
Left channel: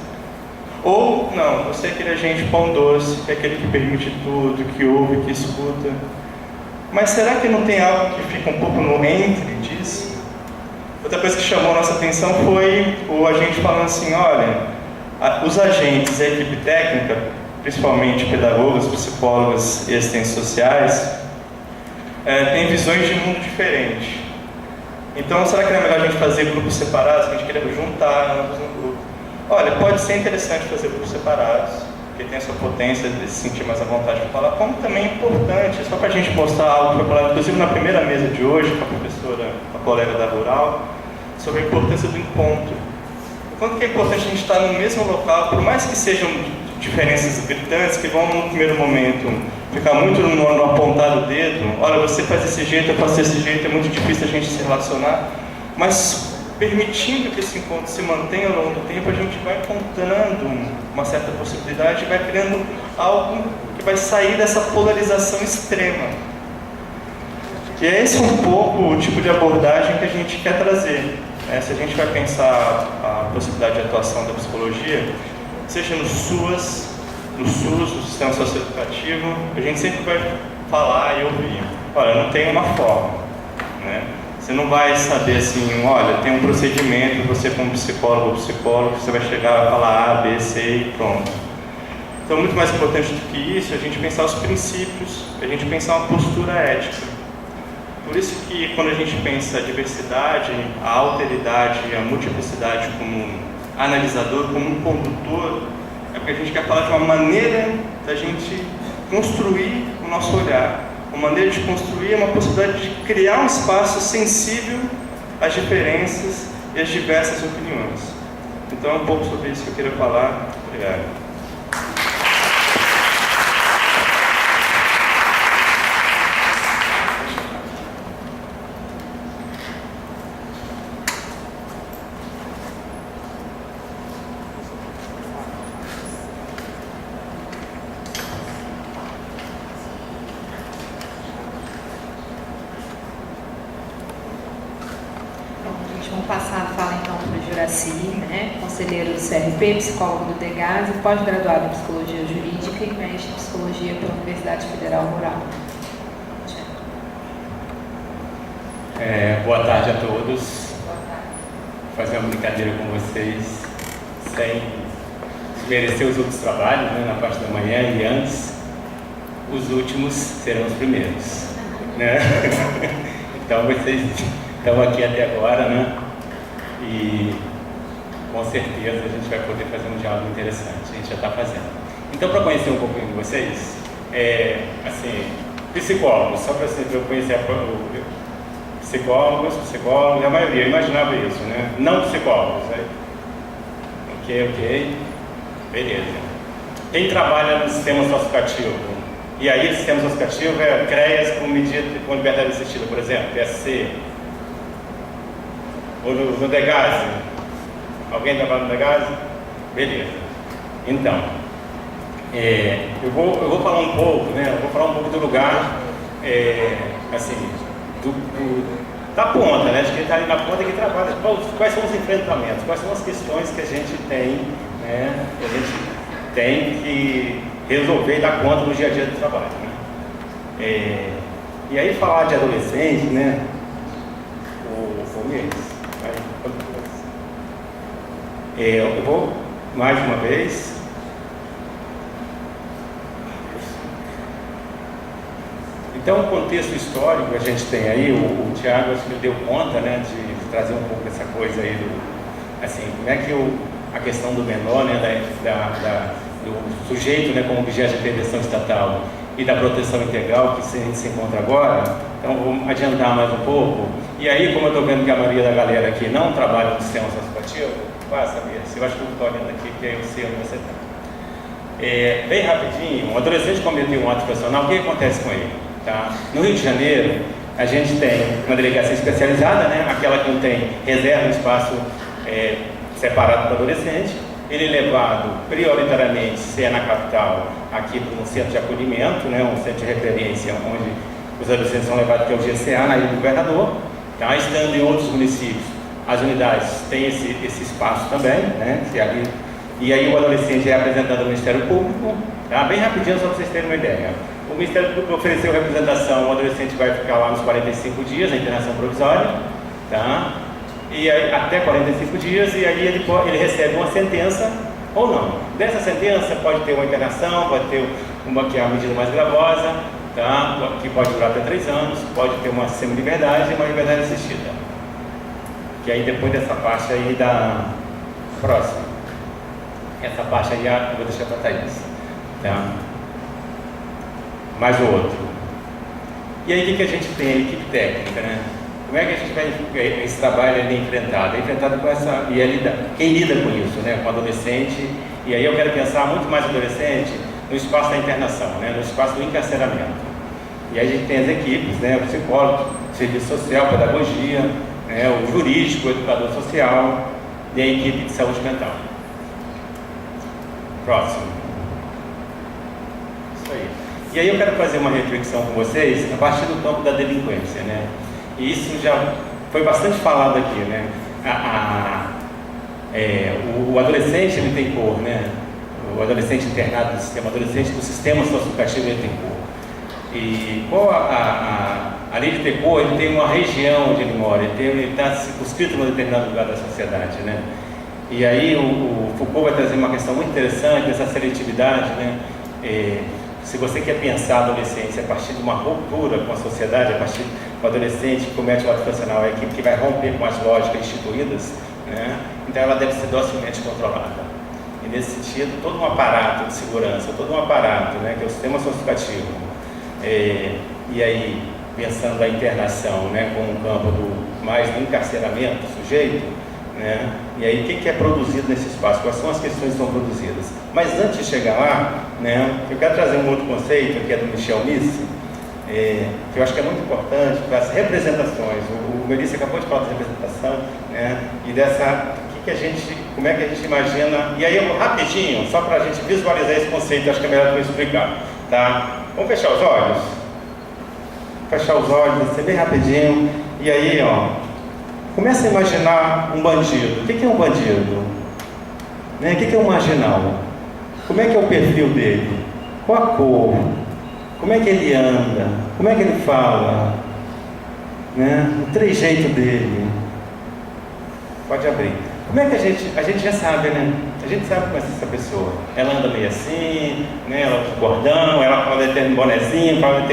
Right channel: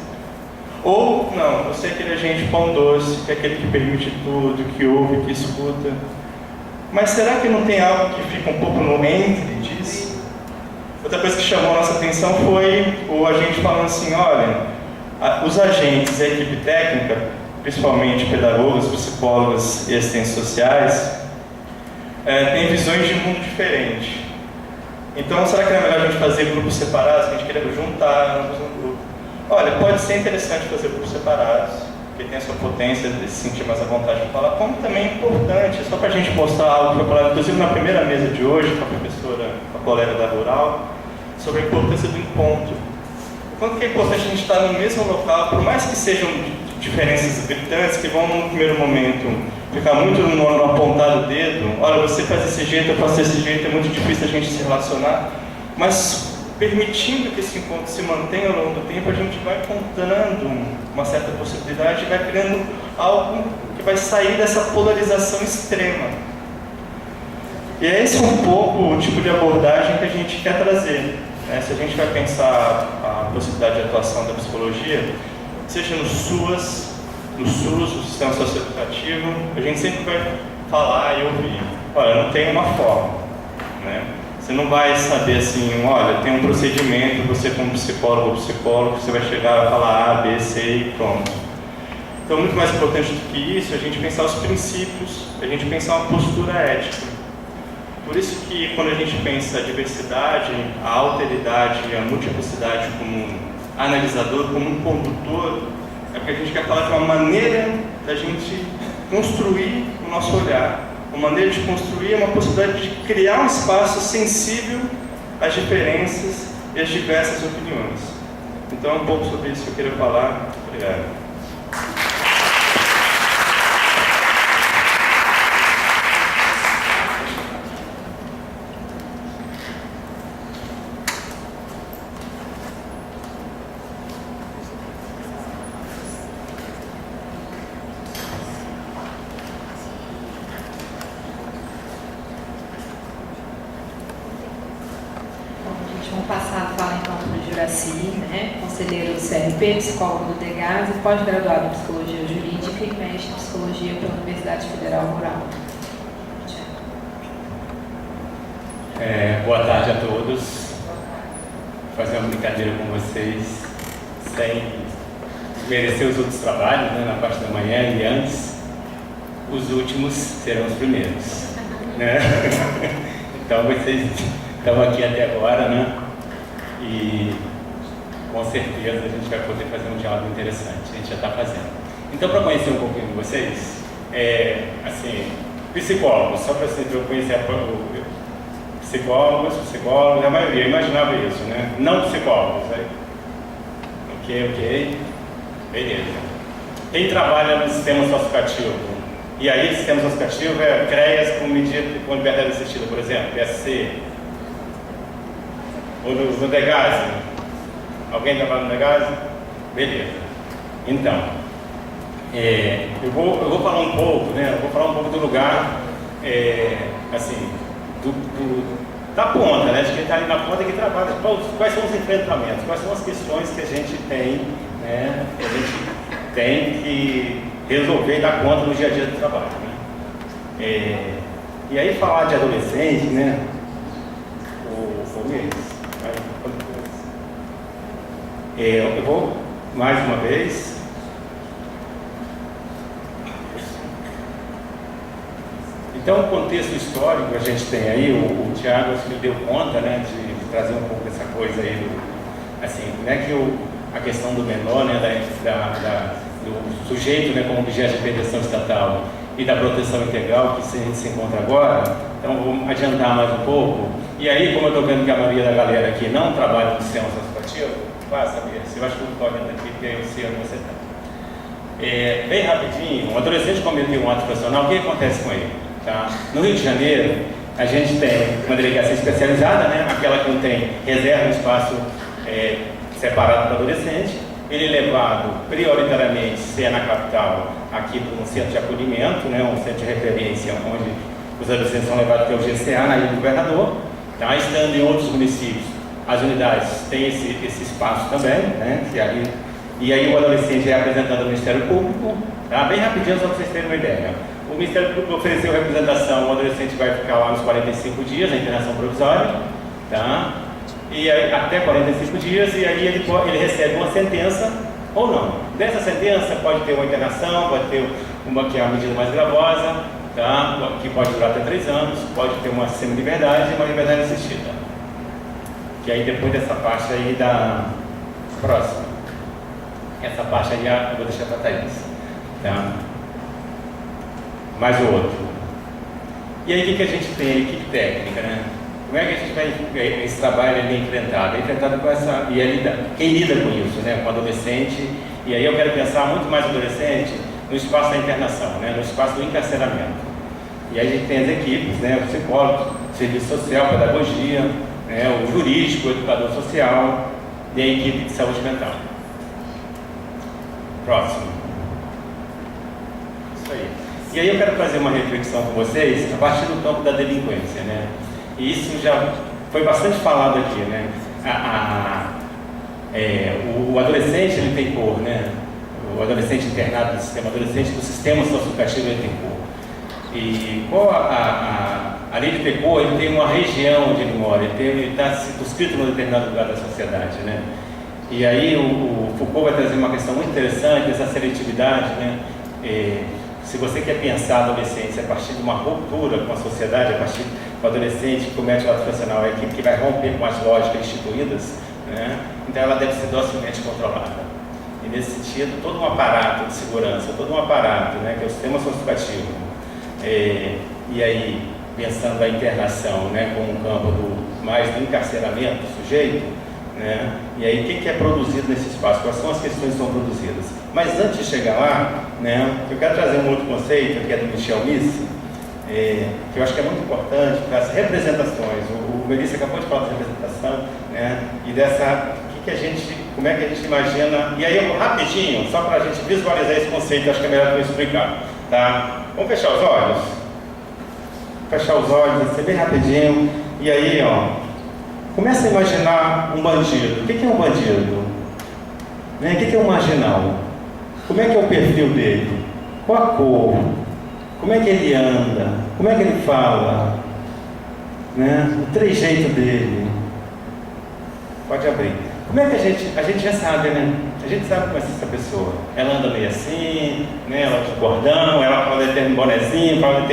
Ou não, você é aquele agente pão doce, que é aquele que permite tudo, que ouve, que escuta. Mas será que não tem algo que fica um pouco no entre disso? Outra coisa que chamou a nossa atenção foi o agente falando assim: olha, os agentes e a equipe técnica, principalmente pedagogas, psicólogas e assistentes sociais, têm visões de mundo diferentes. Então, será que não é melhor a gente fazer grupos separados, que a gente queria juntar ambos no grupo? olha, pode ser interessante fazer por separados, porque tem a sua potência de se sentir mais à vontade para falar, como também é importante, só para a gente mostrar algo que foi falado, inclusive na primeira mesa de hoje, com a professora, com a colega da Rural, sobre a importância do encontro. O quanto que é importante a gente estar no mesmo local, por mais que sejam diferenças gritantes, que vão no primeiro momento ficar muito no apontar o dedo, olha, você faz desse jeito, eu faço desse jeito, é muito difícil a gente se relacionar, mas permitindo que esse encontro se mantenha ao longo do tempo, a gente vai encontrando uma certa possibilidade e vai criando algo que vai sair dessa polarização extrema. E é esse um pouco o tipo de abordagem que a gente quer trazer. Se a gente vai pensar a possibilidade de atuação da psicologia, seja no SUS, no sistema socioeducativo, a gente sempre vai falar e ouvir, olha, não tem uma forma, né? Você não vai saber assim, olha, tem um procedimento, você como psicólogo ou psicólogo, você vai chegar e falar A, B, C e pronto. Então, muito mais importante do que isso, a gente pensar os princípios, a gente pensar uma postura ética. Por isso que quando a gente pensa a diversidade, a alteridade e a multiplicidade como analisador, como um condutor, é porque a gente quer falar de uma maneira da gente construir o nosso olhar, uma maneira de construir uma possibilidade de criar um espaço sensível às diferenças e às diversas opiniões. Então é um pouco sobre isso que eu queria falar. Obrigado. Vamos passar a fala então para o Juraci, né? Conselheiro do CRP, psicólogo do DEGAS e pós-graduado em Psicologia Jurídica e mestre em Psicologia pela Universidade Federal Rural. Boa tarde a todos. Vou fazer uma brincadeira com vocês, sem desmerecer os outros trabalhos, né, na parte da manhã e antes. Os últimos serão os primeiros, né? Então vocês estão aqui até agora, né? E com certeza a gente vai poder fazer um diálogo interessante. A gente já está fazendo. Então, para conhecer um pouquinho de vocês, assim, psicólogos, só para eu conhecer psicólogos, a maioria, eu imaginava isso, né? Não psicólogos, né? Ok, beleza. Quem trabalha no sistema socioeducativo? E aí, o sistema socioeducativo é CREAS com liberdade assistida, por exemplo, PSC. Ou no DEGAS? Alguém trabalha no DEGAS? Beleza. Então, eu vou falar um pouco, né? Eu vou falar um pouco do lugar, assim, da ponta, né? De quem está ali na ponta que trabalha. Quais são os enfrentamentos? Quais são as questões que a gente tem, né? Que a gente tem que resolver e dar conta no dia a dia do trabalho, né? E aí falar de adolescente, né? Eu vou, mais uma vez, então o contexto histórico que a gente tem aí, o Tiago acho que deu conta, né, de trazer um pouco dessa coisa aí, assim, como é que a questão do menor, né, do sujeito, né, como objeto de prevenção estatal e da proteção integral que a gente se encontra agora. Então vou adiantar mais um pouco. E aí, como eu estou vendo que a maioria da galera aqui não trabalha no sistema socioeducativo, saber, eu acho que eu estou olhando aqui, porque eu sei onde você está. Bem rapidinho, um adolescente cometeu um ato profissional, o que acontece com ele? Tá? No Rio de Janeiro, a gente tem uma delegacia especializada, né? Aquela que não tem reserva um espaço separado para adolescente. Ele é levado prioritariamente, se é na capital, aqui para um centro de acolhimento, né? Um centro de referência, onde os adolescentes são levados até o GCA, na Ilha do Governador. Tá? Estando em outros municípios, as unidades têm esse espaço também, né? E aí o adolescente é apresentado ao Ministério Público, tá? Bem rapidinho, só para vocês terem uma ideia. O Ministério Público ofereceu representação, o adolescente vai ficar lá nos 45 dias, na internação provisória, tá? E aí, até 45 dias, e aí ele recebe uma sentença ou não. Dessa sentença pode ter uma internação, pode ter uma que é a medida mais gravosa, tá? Que pode durar até 3 anos, pode ter uma semi-liberdade e uma liberdade assistida. Que aí depois dessa parte aí da próxima. Essa parte aí eu vou deixar para a Thaís. Tá? Mais o outro. E aí o que a gente tem? A equipe técnica, né? Como é que a gente vai, esse trabalho é enfrentado? É enfrentado com essa, quem lida com isso, né? Com adolescente, e aí eu quero pensar muito mais adolescente no espaço da internação, né? No espaço do encarceramento. E aí a gente tem as equipes, né? O psicólogo, o serviço social, pedagogia, né? O jurídico, o educador social e a equipe de saúde mental. Próximo. Isso aí. E aí eu quero fazer uma reflexão com vocês a partir do campo da delinquência, né? E isso já foi bastante falado aqui, né? O adolescente, ele tem cor, né? O adolescente internado do sistema, adolescente do sistema socioeducativo, ele tem cor. E qual além de ter cor, ele tem uma região onde ele mora, ele está circunscrito em um determinado lugar da sociedade, né? E aí o Foucault vai trazer uma questão muito interessante dessa seletividade, né? Se você quer pensar a adolescência a partir de uma ruptura com a sociedade, a partir do adolescente que comete o ato infracional, é a equipe que vai romper com as lógicas instituídas, né? Então ela deve ser docilmente controlada. E nesse sentido, todo um aparato de segurança, todo um aparato, né, que é o sistema socioeducativo, e aí pensando a internação, né, como um campo mais do encarceramento do sujeito, né? E aí o que é produzido nesse espaço? Quais são as questões que são produzidas? Mas antes de chegar lá, né, eu quero trazer um outro conceito que é do Michel Misse, que eu acho que é muito importante para as representações. O Melissa acabou de falar de representação, né, e dessa como é que a gente imagina. E aí eu rapidinho, só para a gente visualizar esse conceito, acho que é melhor eu explicar, tá? Vamos fechar os olhos? Fechar os olhos, assim, bem rapidinho. E aí, ó, começa a imaginar um bandido. O que é um bandido? Né? O que é um marginal? Como é que é o perfil dele? Qual a cor? Como é que ele anda? Como é que ele fala? Né? O trejeito dele. Pode abrir. Como é que a gente já sabe, né? A gente sabe como é essa pessoa. Ela anda meio assim, né? Ela usa cordão, ela fala determinado bonezinho, fala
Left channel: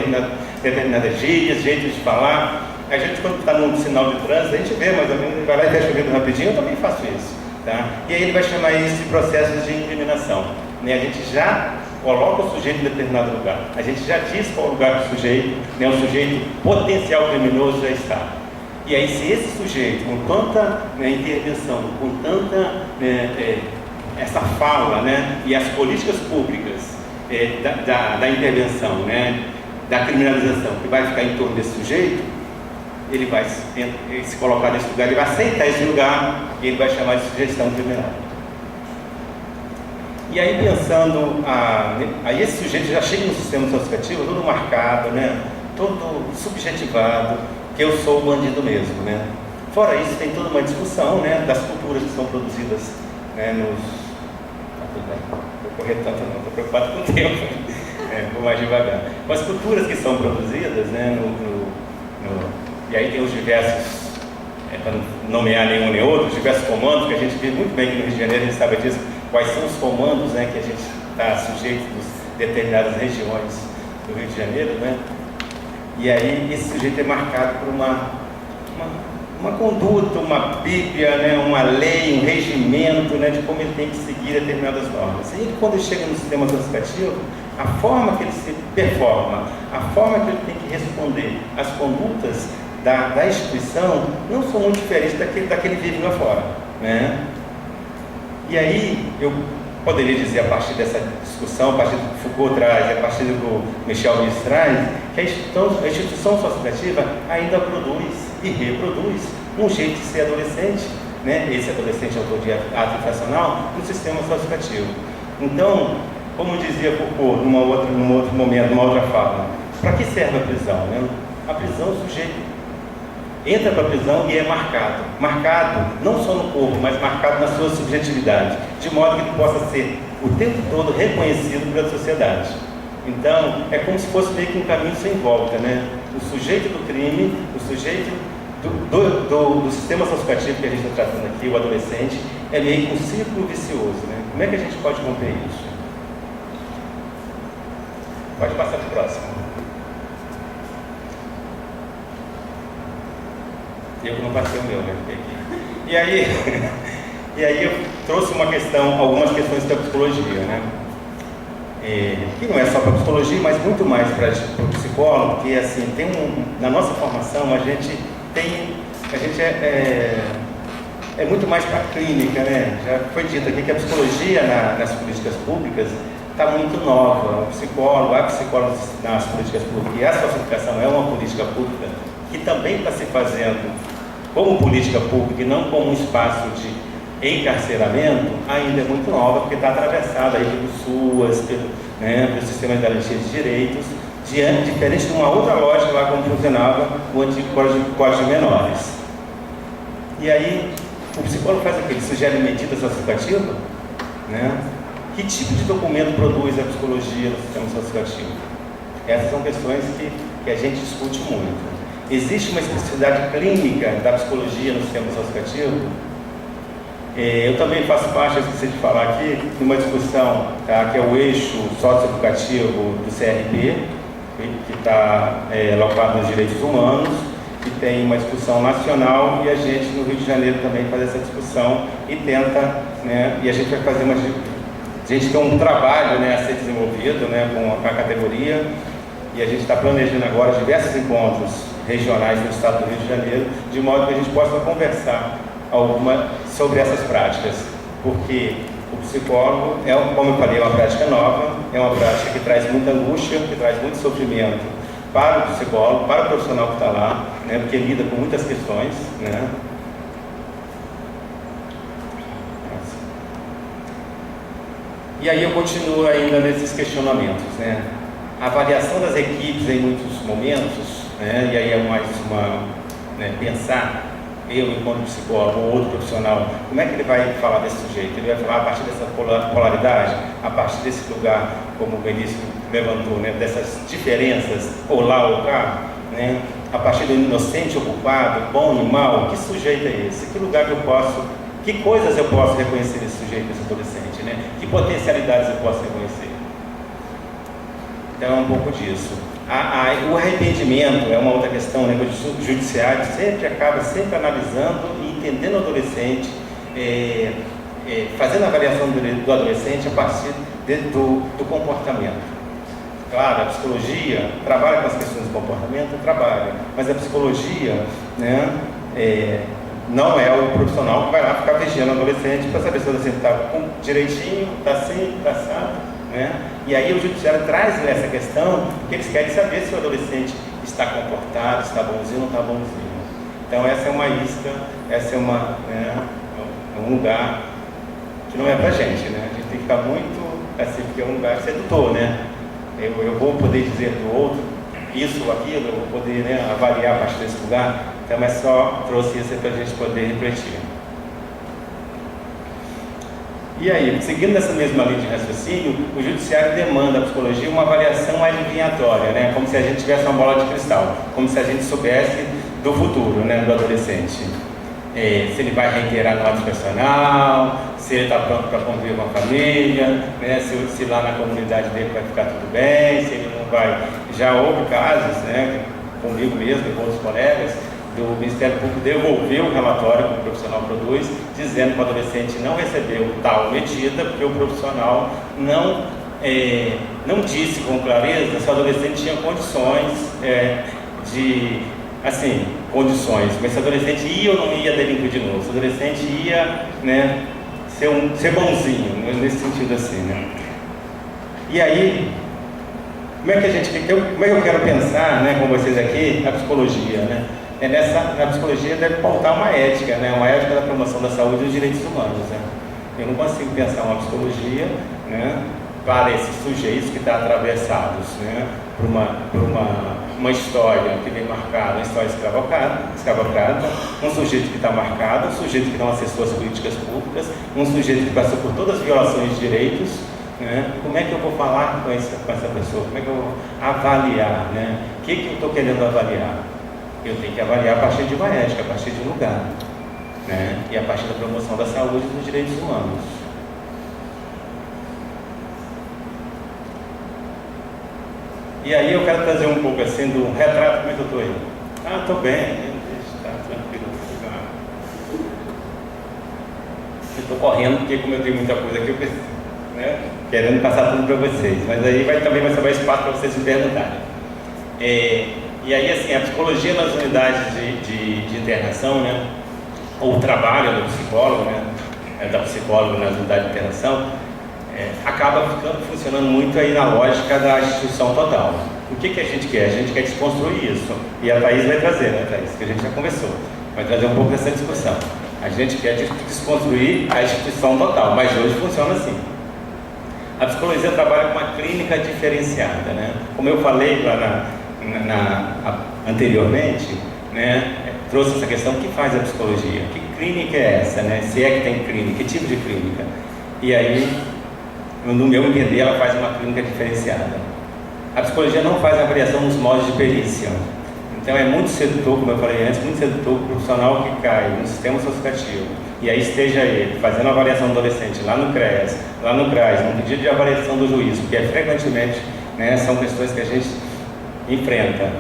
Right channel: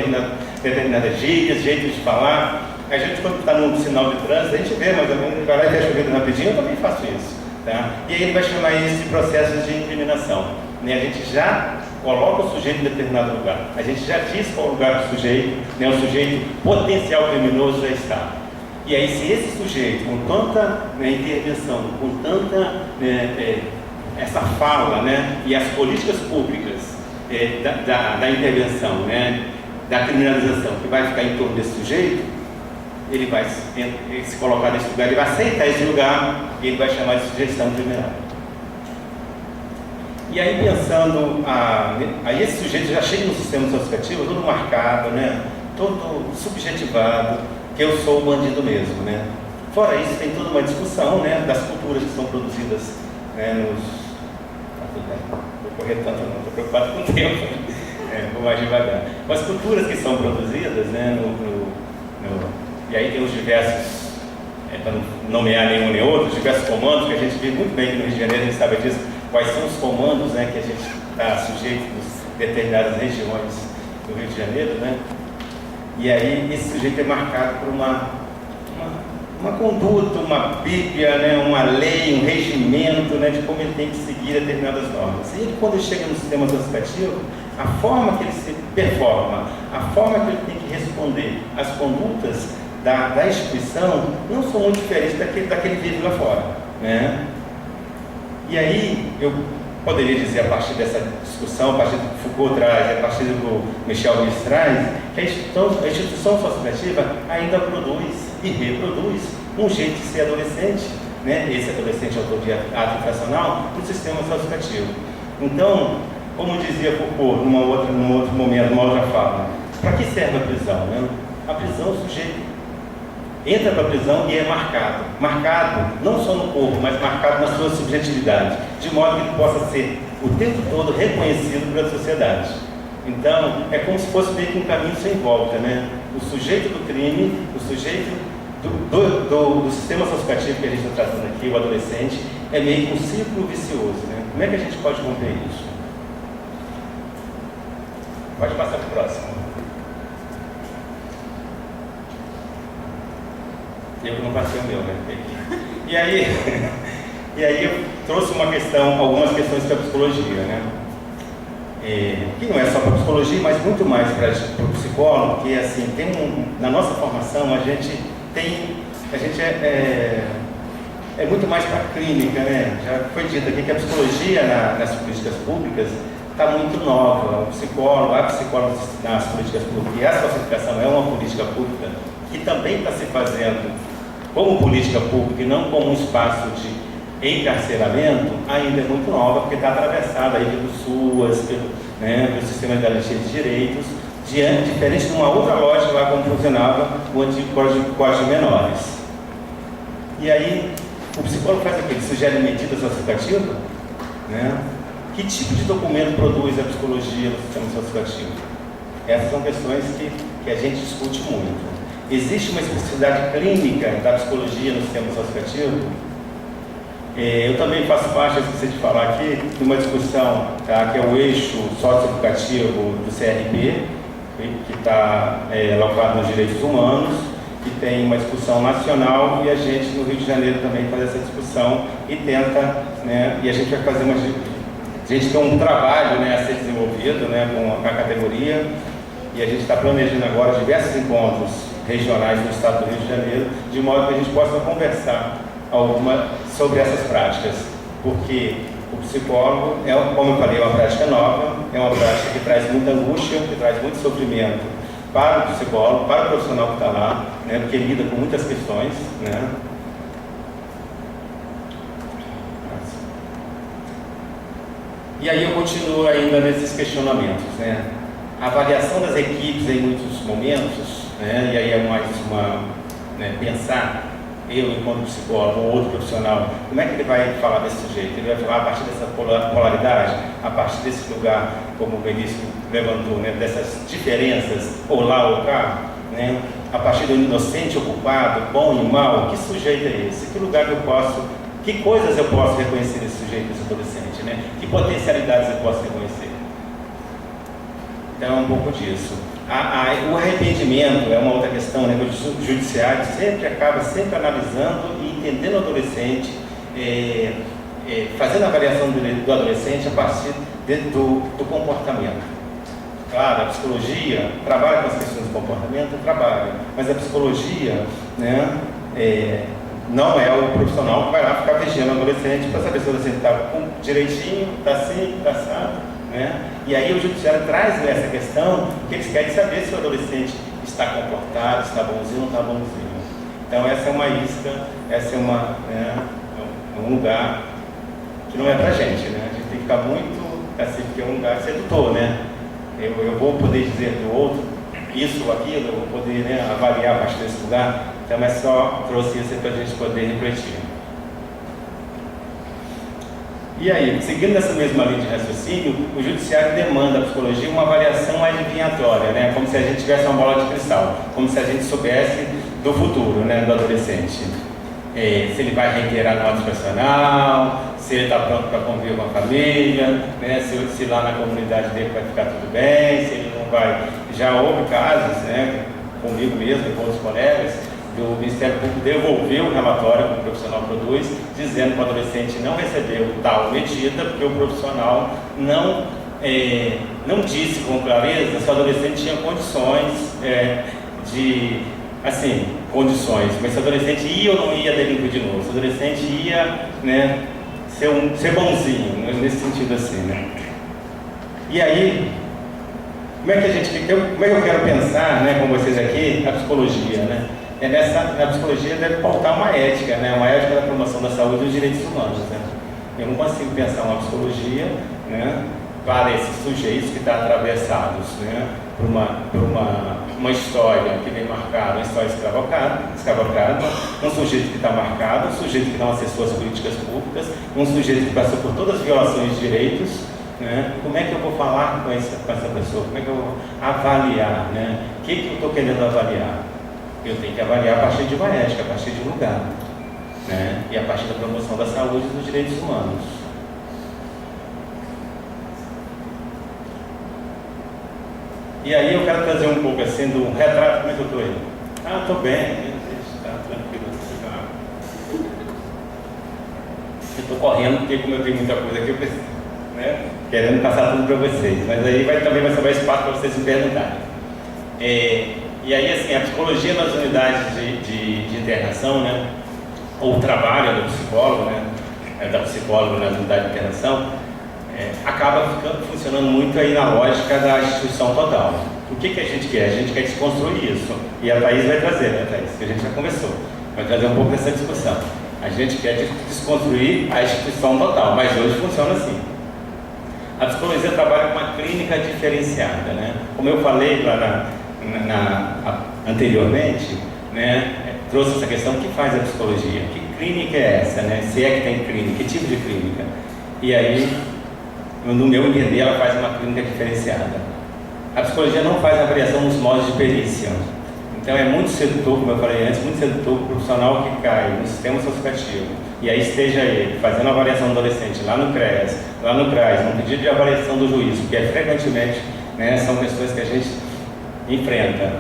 determinadas gírias, jeito de falar. A gente, quando está num sinal de trânsito, a gente vê mais ou menos, ele vai lá e fecha o vidro rapidinho, eu também faço isso, tá? E aí ele vai chamar isso de processos de incriminação, né? A gente já coloca o sujeito em determinado lugar, a gente já diz qual lugar do sujeito, né? O sujeito potencial criminoso já está. E aí, se esse sujeito, com tanta, né, intervenção, com tanta essa fala, né, e as políticas públicas da intervenção, né, da criminalização, que vai ficar em torno desse sujeito, ele vai se colocar nesse lugar, ele vai aceitar esse lugar e ele vai chamar de sugestão criminal. E aí, pensando, aí esse sujeito já chega no sistema socioeducativo todo marcado, né, todo subjetivado, que eu sou o bandido mesmo, né? Fora isso, tem toda uma discussão, né, das culturas que são produzidas, né, Tá tudo bem, vou correr tanto não, estou preocupado com o tempo, vou mais devagar. As culturas que são produzidas, né, e aí tem os diversos, para não nomear nenhum nem outro, os diversos comandos que a gente vê muito bem aqui no Rio de Janeiro, a gente sabe disso, quais são os comandos, né, que a gente está sujeito em determinadas regiões do Rio de Janeiro, né? E aí esse sujeito é marcado por uma conduta, uma bíblia, né, uma lei, um regimento, né, de como ele tem que seguir determinadas normas. E ele, quando ele chega no sistema socioeducativo, a forma que ele se performa, a forma que ele tem que responder às condutas da instituição não são muito diferentes daquele vive lá fora, né? E aí eu poderia dizer, a partir dessa discussão, a partir do que Foucault traz, a partir do que Michel Misse traz, que a instituição socioeducativa ainda produz e reproduz um jeito de ser adolescente, né? Esse adolescente autor de ato infracional, no sistema socioeducativo. Então, como dizia Foucault num outro momento, numa outra fala, para que serve a prisão, né? A prisão, o sujeito entra para a prisão e é marcado não só no corpo, mas marcado na sua subjetividade, de modo que ele possa ser o tempo todo reconhecido pela sociedade. Então, é como se fosse meio que um caminho sem volta, né? O sujeito do crime, o sujeito do sistema socioeducativo que a gente está tratando aqui, o adolescente, é meio que um círculo vicioso, né? Como é que a gente pode romper isso? Pode passar para o próximo. Eu que não passei o meu, né? E aí, E aí eu trouxe algumas questões para a psicologia, né? Que não é só para a psicologia, mas muito mais para o psicólogo, porque assim, na nossa formação a gente é muito mais para a clínica, né? Já foi dito aqui que a psicologia nas políticas públicas está muito nova. A psicóloga nas políticas públicas, e a socialização é uma política pública que também está se fazendo como política pública e não como um espaço de encarceramento, ainda é muito nova, porque está atravessada aí pelo SUAS, pelo sistema de garantia de direitos, diferente de uma outra lógica lá como funcionava o antigo Código de Menores. E aí, o psicólogo faz aquele, sugere medida socioeducativa, né? Que tipo de documento produz a psicologia no sistema socioeducativo? Essas são questões que a gente discute muito. Existe uma especificidade clínica da psicologia no sistema socioeducativo? Eu também faço parte, eu esqueci de falar aqui, de uma discussão, tá, que é o eixo socioeducativo do CRP, que está locado nos direitos humanos, que tem uma discussão nacional, e a gente no Rio de Janeiro também faz essa discussão e tenta, né, e a gente vai fazer a gente tem um trabalho, né, a ser desenvolvido, né, com a categoria, e a gente está planejando agora diversos encontros regionais no estado do Rio de Janeiro, de modo que a gente possa conversar sobre essas práticas, porque o psicólogo, como eu falei, é uma prática nova, é uma prática que traz muita angústia, que traz muito sofrimento para o psicólogo, para o profissional que está lá, né, porque lida com muitas questões, né. E aí eu continuo ainda nesses questionamentos, né. A avaliação das equipes em muitos momentos, né, e aí é mais pensar, eu enquanto psicólogo ou outro profissional, como é que ele vai falar desse sujeito? Ele vai falar a partir dessa polaridade, a partir desse lugar, como o Benício levantou, né, dessas diferenças, ou lá ou cá, né, a partir do inocente ou culpado, bom e mal, que sujeito é esse? Que lugar que coisas eu posso reconhecer nesse sujeito, nesse adolescente, né? Que potencialidades eu posso reconhecer? Então é um pouco disso. O arrependimento é uma outra questão, né? O judiciário acaba sempre analisando e entendendo o adolescente, fazendo a avaliação do adolescente a partir do comportamento. Claro, a psicologia trabalha com as questões do comportamento, mas a psicologia, né, não é o profissional que vai lá ficar vigiando o adolescente para saber se o adolescente está direitinho, está assim, está assado, né? E aí o judiciário traz essa questão, que eles querem saber se o adolescente está comportado, está bonzinho ou não está bonzinho. Então essa é uma isca, essa é um lugar que não é pra gente, né? A gente tem que ficar muito assim, porque é um lugar sedutor, né? Eu vou poder dizer do outro isso ou aquilo, eu vou poder, né, avaliar a partir desse lugar. Então é só trouxe isso para a gente poder refletir. E aí, seguindo nessa mesma linha de raciocínio, o judiciário demanda à psicologia uma avaliação adivinhatória, né? Como se a gente tivesse uma bola de cristal, como se a gente soubesse do futuro, né, do adolescente. Se ele vai reiterar no antipersonal, se ele está pronto para conviver com a família, né, se lá na comunidade dele vai ficar tudo bem, se ele não vai. Já houve casos, né, comigo mesmo e com outros colegas, do Ministério Público devolveu o relatório que o profissional produz, dizendo que o adolescente não recebeu tal medida, porque o profissional não disse com clareza se o adolescente tinha condições condições, mas se o adolescente ia ou não ia delinquir de novo, se o adolescente ia, né, ser bonzinho, nesse sentido assim, né. E aí, como é que eu quero pensar, né, com vocês aqui, a psicologia, né? A psicologia deve pautar uma ética, né? Uma ética da promoção da saúde e dos direitos humanos, né? Eu não consigo pensar uma psicologia, né, para esses sujeitos que estão atravessados, né, por uma história que vem marcada, uma história escravocrata, um sujeito que está marcado, um sujeito que não acessou as políticas públicas, um sujeito que passou por todas as violações de direitos, né? Como é que eu vou falar com essa pessoa? Como é que eu vou avaliar, né? O que eu estou querendo avaliar? Eu tenho que avaliar a partir de uma ética, a partir de um lugar, né? E a partir da promoção da saúde e dos direitos humanos. E aí eu quero trazer um pouco assim do retrato. Como é que eu estou aí? Estou bem, está tranquilo. estou correndo, porque como eu tenho muita coisa aqui, eu preciso, né, querendo passar tudo para vocês. Mas aí também vai sobrar espaço para vocês me perguntarem. E aí, assim, a psicologia nas unidades de internação, né, ou o trabalho do psicólogo, né, da psicóloga nas unidades de internação, acaba funcionando muito aí na lógica da instituição total. O que a gente quer? A gente quer desconstruir isso. E a Thaís vai trazer, né, Thaís? Que a gente já conversou. Vai trazer um pouco dessa discussão. A gente quer desconstruir a instituição total, mas hoje funciona assim. A psicologia trabalha com uma clínica diferenciada, né? Como eu falei lá anteriormente, né, trouxe essa questão: o que faz a psicologia? Que clínica é essa, né? Se é que tem clínica, que tipo de clínica? E aí, no meu entender, ela faz uma clínica diferenciada. A psicologia não faz avaliação nos modos de perícia. Então é muito sedutor, como eu falei antes, muito sedutor o profissional que cai no sistema associativo e aí esteja ele fazendo avaliação do adolescente lá no CREAS, lá no CRAS, no pedido de avaliação do juiz, porque frequentemente, né, são questões que a gente enfrenta.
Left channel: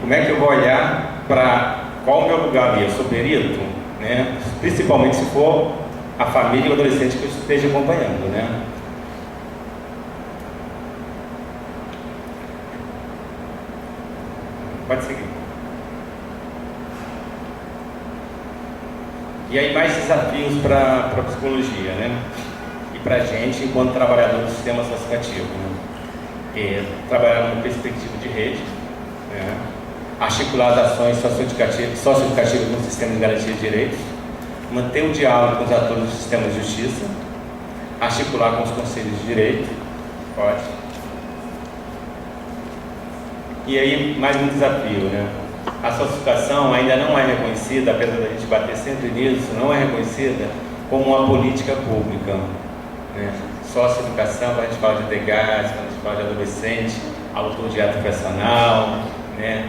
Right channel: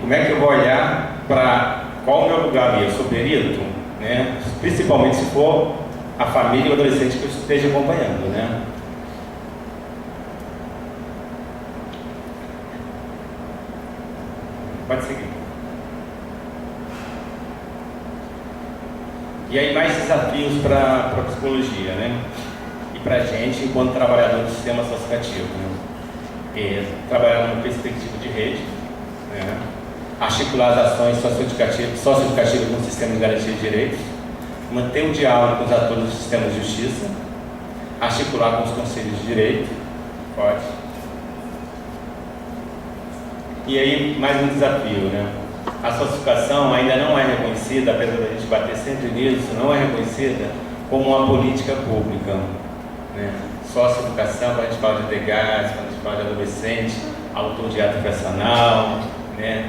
Como é que eu vou olhar para qual o meu lugar ali? Eu sou perito, né? Principalmente se for a família e o adolescente que eu esteja acompanhando, né? Pode seguir. E aí mais desafios para a psicologia, né? E para a gente enquanto trabalhador do sistema associativo, né? Trabalhar numa perspectiva de rede, né? Articular as ações socioeducativas no sistema de garantia de direitos, manter o diálogo com os atores do sistema de justiça, articular com os conselhos de direito, pode. E aí, mais um desafio, né? A socioeducação ainda não é reconhecida, apesar da gente bater sempre nisso, não é reconhecida como uma política pública, né? Socioeducação, quando a gente fala de DEGAS, quando a gente fala de adolescente, autor de ato personal, né?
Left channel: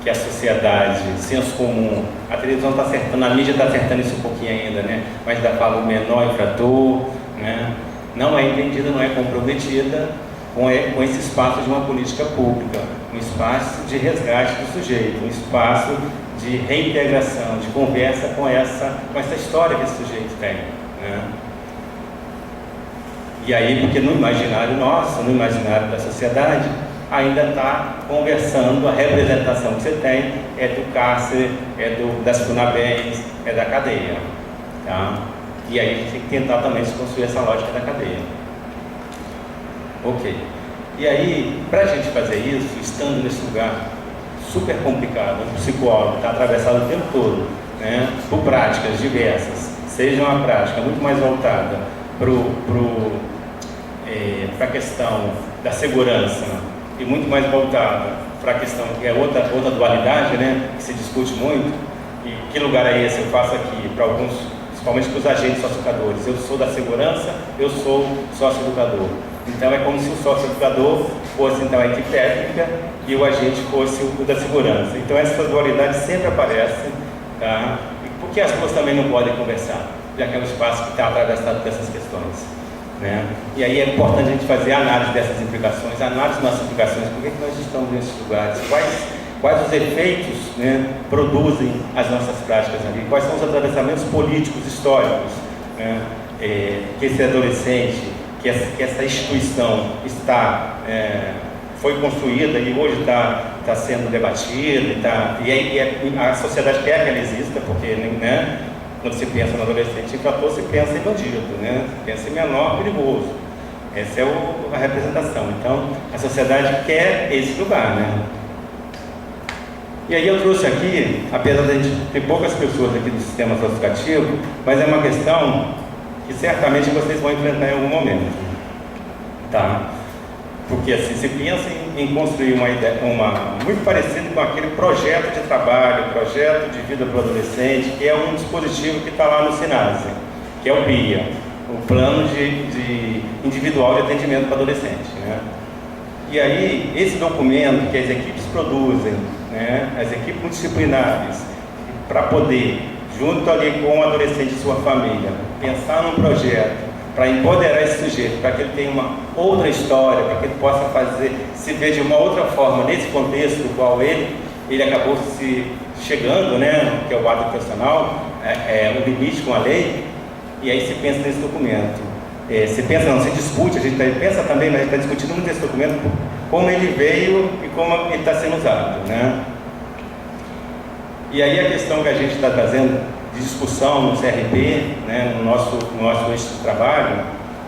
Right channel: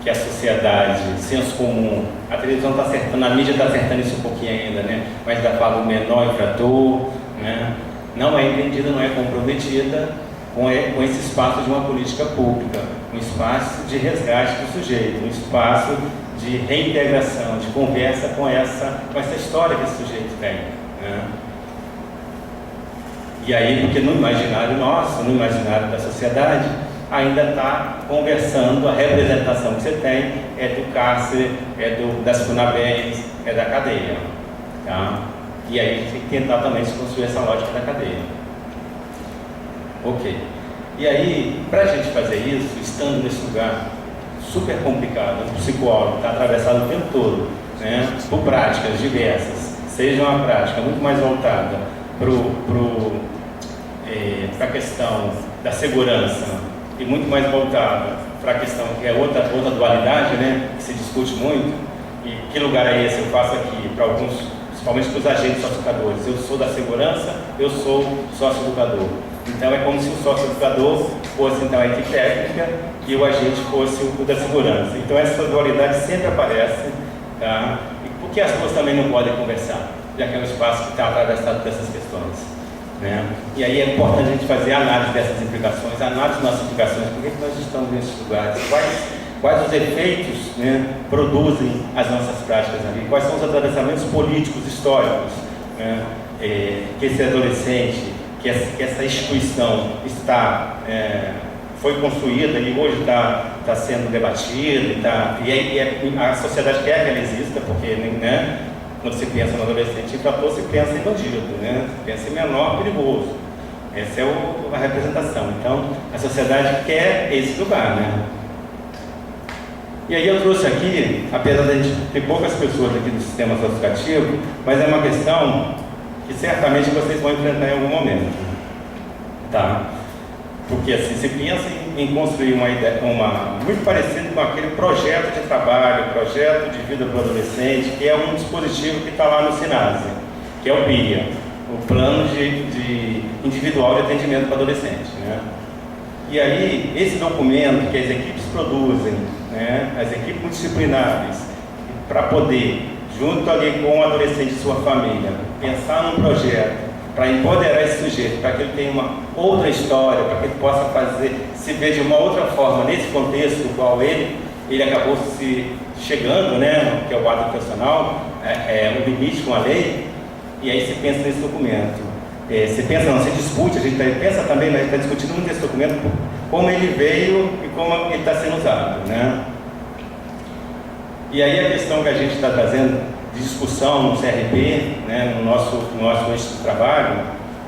Que a sociedade, senso comum, a televisão está acertando, a mídia está acertando isso um pouquinho ainda, né? Mas ainda fala o menor infrator, né? Não é entendida, não é comprometida com esse espaço de uma política pública, um espaço de resgate do sujeito, um espaço de reintegração, de conversa com essa história que esse sujeito tem, né? E aí, porque no imaginário nosso, no imaginário da sociedade, ainda está conversando, a representação que você tem é do cárcere, das FUNABEMs, é da cadeia, tá? E aí a gente tem que tentar também desconstruir essa lógica da cadeia. Ok. E aí, para a gente fazer isso, estando nesse lugar super complicado, o psicólogo está atravessado o tempo todo, né, por práticas diversas, seja uma prática muito mais voltada para a questão da segurança e muito mais voltada para a questão que é outra dualidade, né, que se discute muito. E que lugar é esse? Eu faço aqui para alguns, principalmente para os agentes socioeducadores. Eu sou da segurança, eu sou sócio-educador. Então é como se o sócio-educador fosse então a equipe técnica e o agente fosse o da segurança. Então essa dualidade sempre aparece, tá? E porque as duas também não podem conversar, já que é um espaço que está atravessado dessas questões, né? E aí é importante a gente fazer a análise dessas implicações, a análise das nossas implicações, por que nós estamos nesses lugares, quais os efeitos, né, produzem as nossas práticas ali, quais são os atravessamentos políticos, históricos, né, que esse adolescente, que essa instituição foi construída e hoje está sendo debatida, e a sociedade quer que ela exista, porque, né, quando se pensa no adolescente infrator, se pensa em bandido, né, se pensa em menor perigoso. Essa é a representação. Então, a sociedade quer esse lugar, né? E aí eu trouxe aqui, apesar de a gente ter poucas pessoas aqui do sistema associativo, mas é uma questão que certamente vocês vão enfrentar em algum momento, tá? Porque assim, se pensa em construir uma ideia, muito parecido com aquele projeto de trabalho, projeto de vida para o adolescente, que é um dispositivo que está lá no SINASE, que é o PIA, o Plano de Individual de Atendimento para Adolescente, né? E aí, esse documento que as equipes produzem, né, as equipes multidisciplinares, para poder, junto ali com o adolescente e sua família, pensar num projeto para empoderar esse sujeito, para que ele tenha uma outra história, para que ele possa se ver de uma outra forma nesse contexto no qual ele acabou se chegando, né, que é o ato profissional, o limite com a lei. E aí se pensa nesse documento. Se pensa, não, se discute, a gente pensa também, mas a gente está discutindo muito esse documento, como ele veio e como ele está sendo usado, né? E aí a questão que a gente está trazendo de discussão no CRP, né, no nosso eixo de trabalho,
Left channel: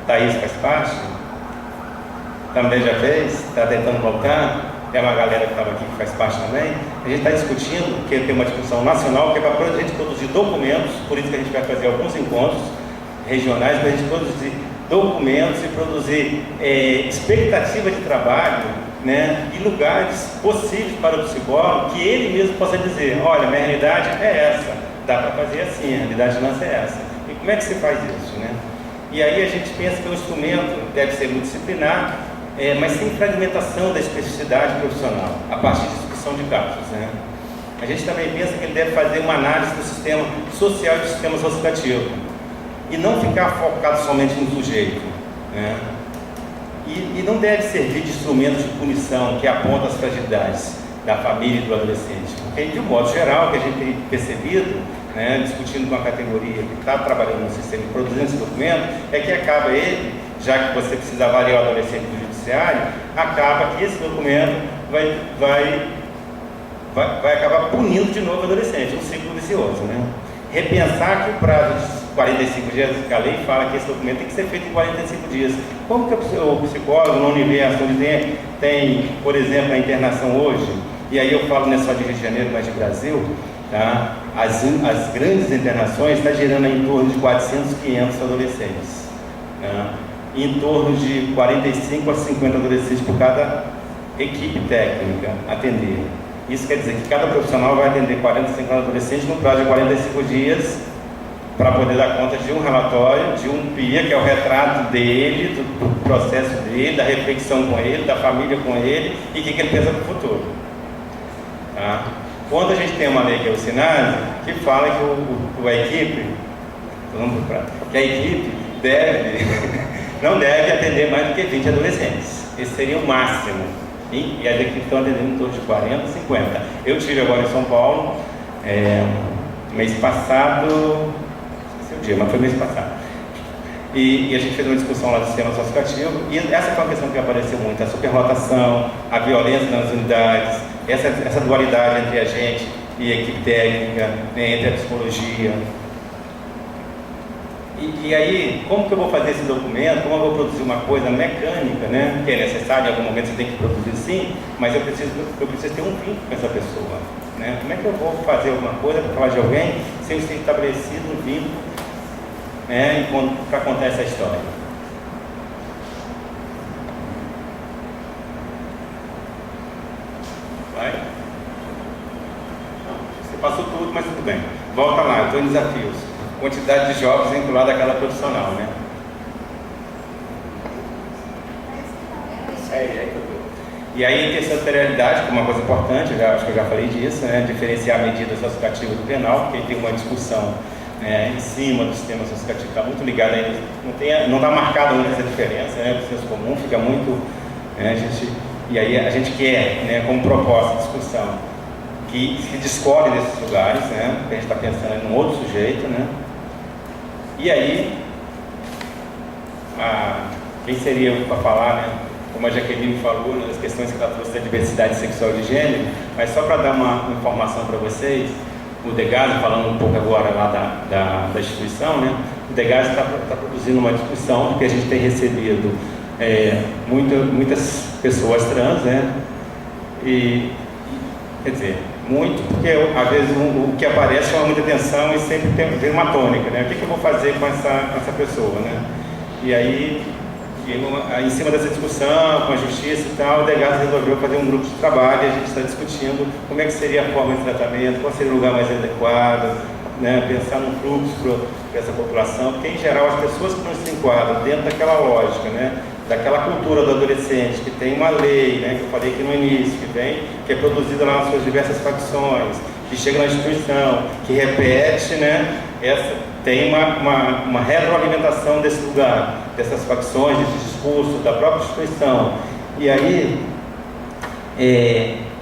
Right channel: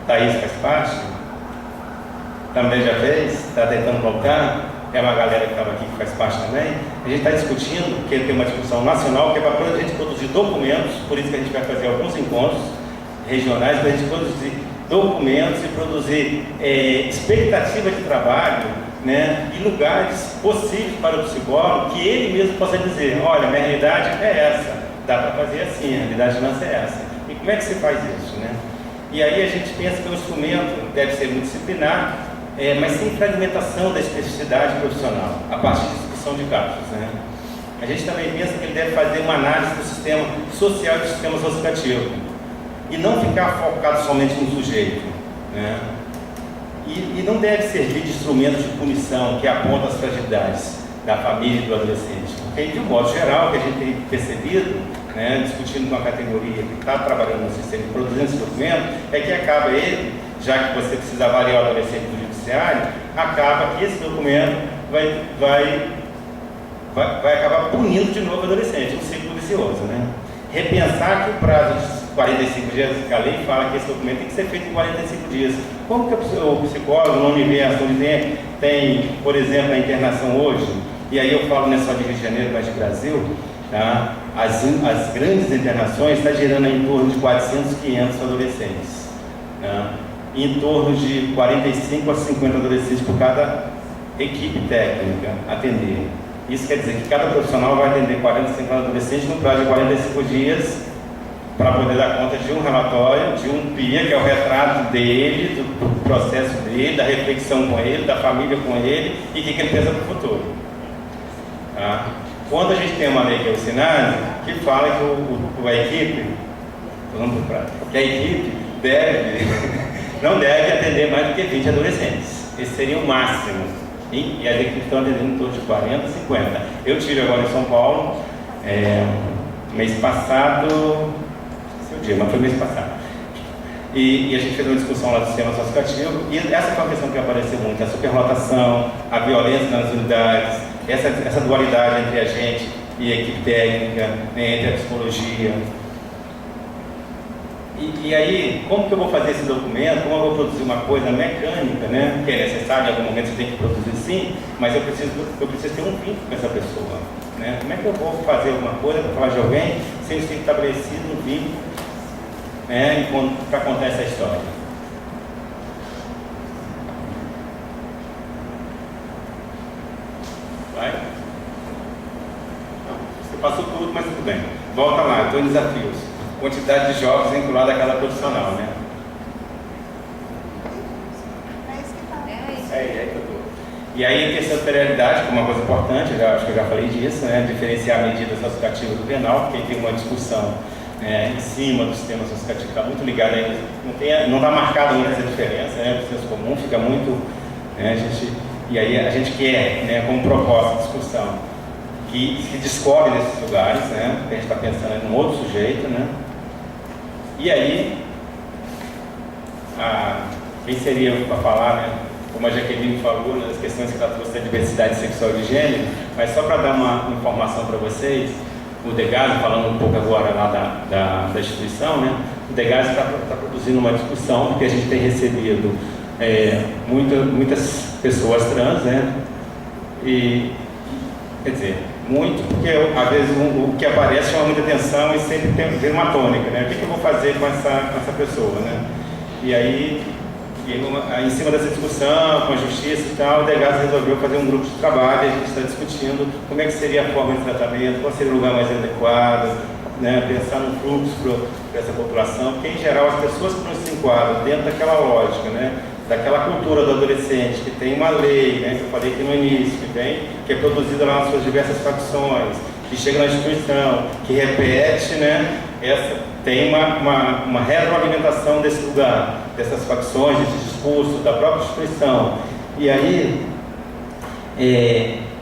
Thaís faz parte, também já fez, está tentando voltar, tem uma galera que estava aqui que faz parte também. A gente está discutindo, porque tem uma discussão nacional, que é para a gente produzir documentos, por isso que a gente vai fazer alguns encontros regionais, para a gente produzir documentos e produzir expectativa de trabalho, né, e lugares possíveis para o psicólogo, que ele mesmo possa dizer, olha, minha realidade é essa, dá para fazer assim, a realidade nossa é essa. E como é que se faz isso, né? E aí a gente pensa que o instrumento deve ser multidisciplinar, mas sem fragmentação da especificidade profissional, a partir de discussão de casos, né? A gente também pensa que ele deve fazer uma análise do sistema social e do sistema associativo, e não ficar focado somente no sujeito, né? E não deve servir de instrumento de punição que aponta as fragilidades da família e do adolescente. Porque, de um modo geral, o que a gente tem percebido, né, discutindo com a categoria que está trabalhando no sistema e produzindo esse documento, é que acaba ele, já que você precisa avaliar o adolescente do judiciário, acaba que esse documento vai acabar punindo de novo o adolescente, um ciclo vicioso, né? Repensar que o prazo de 45 dias, que a lei fala que esse documento tem que ser feito em 45 dias. Como que o psicólogo no universo onde tem, por exemplo, a internação hoje, e aí eu falo não é só de Rio de Janeiro, mas de Brasil, tá? As grandes internações estão gerando em torno de 400, 500 adolescentes, tá? Em torno de 45 a 50 adolescentes por cada equipe técnica atender. Isso quer dizer que cada profissional vai atender 40, 50 adolescentes no prazo de 45 dias para poder dar conta de um relatório, de um PIA, que é o retrato dele, do processo dele, da reflexão com ele, da família com ele e o que ele pensa para o futuro. Tá? Quando a gente tem uma lei que é o SINASE, que fala que a equipe não deve atender mais do que 20 adolescentes. Esse seria o máximo. E as equipes estão atendendo em torno de 40, 50. Eu tive agora em São Paulo, mês passado, esqueci o dia, mas foi mês passado. E a gente fez uma discussão lá do sistema associativo, e essa foi uma questão que apareceu muito, a superlotação, a violência nas unidades, essa dualidade entre a gente e a equipe técnica, né, entre a psicologia. E aí, como que eu vou fazer esse documento? Como eu vou produzir uma coisa mecânica, né? Que é necessário, em algum momento você tem que produzir sim, mas eu preciso ter um vínculo com essa pessoa, né? Como é que eu vou fazer alguma coisa para falar de alguém sem ter estabelecido um vínculo, né, para contar essa história? Vai? Você passou tudo, mas tudo bem. Volta lá, eu estou em desafios. Quantidade de jovens vinculada àquela profissional, né? É aí que eu tô. E aí, intersetorialidade, que é uma coisa importante, acho que eu já falei disso, né? Diferenciar a medida associativa do penal, porque tem uma discussão em cima do sistema associativo, está muito ligado aí, não está marcada muito essa diferença, né? O senso comum fica muito, né? E aí a gente quer, né, como proposta de discussão, que se descobre nesses lugares, né? Porque a gente está pensando em um outro sujeito, né? E aí, quem seria para falar, né? Como a Jaqueline falou, né, as questões que ela trouxe da diversidade sexual de gênero, mas só para dar uma informação para vocês, o Degase, falando um pouco agora lá da instituição, né? O Degase está produzindo uma discussão, porque a gente tem recebido muitas pessoas trans, né? E, quer dizer, muito, porque às vezes o que aparece chama muita atenção e sempre tem uma tônica, né? O que eu vou fazer com essa pessoa, né? E aí, em cima dessa discussão com a justiça e tal, o Degase resolveu fazer um grupo de trabalho e a gente está discutindo como é que seria a forma de tratamento, qual seria o lugar mais adequado, né? Pensar num fluxo para essa população, porque em geral as pessoas que não se enquadram dentro daquela lógica, né? Daquela cultura do adolescente, que tem uma lei, né, que eu falei aqui no início, que é produzida lá nas suas diversas facções, que chega na instituição, que repete, né, tem uma retroalimentação desse lugar, dessas facções, desse discurso, da própria instituição. E aí,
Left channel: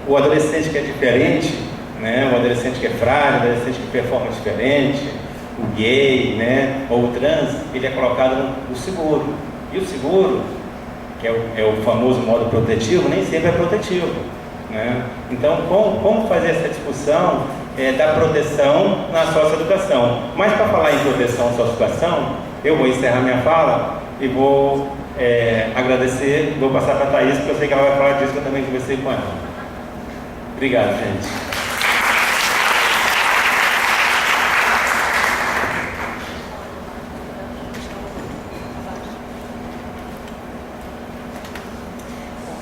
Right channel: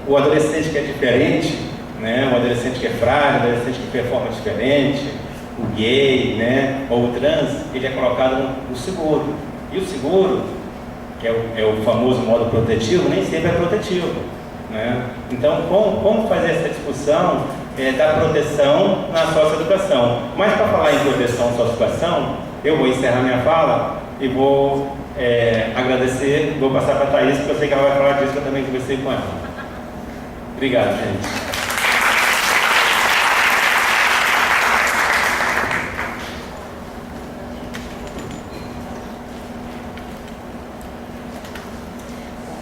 o adolescente que é diferente, né, o adolescente que é frágil, o adolescente que performa diferente, o gay, né, ou o trans, ele é colocado no seguro. E o seguro, que é o famoso modo protetivo, nem sempre é protetivo, né? Então, como fazer essa discussão da proteção na socioeducação? Mas para falar em proteção na socioeducação, eu vou encerrar minha fala e vou agradecer, vou passar para a Thaís, porque eu sei que ela vai falar disso, que eu também conversei com ela. Obrigado, gente.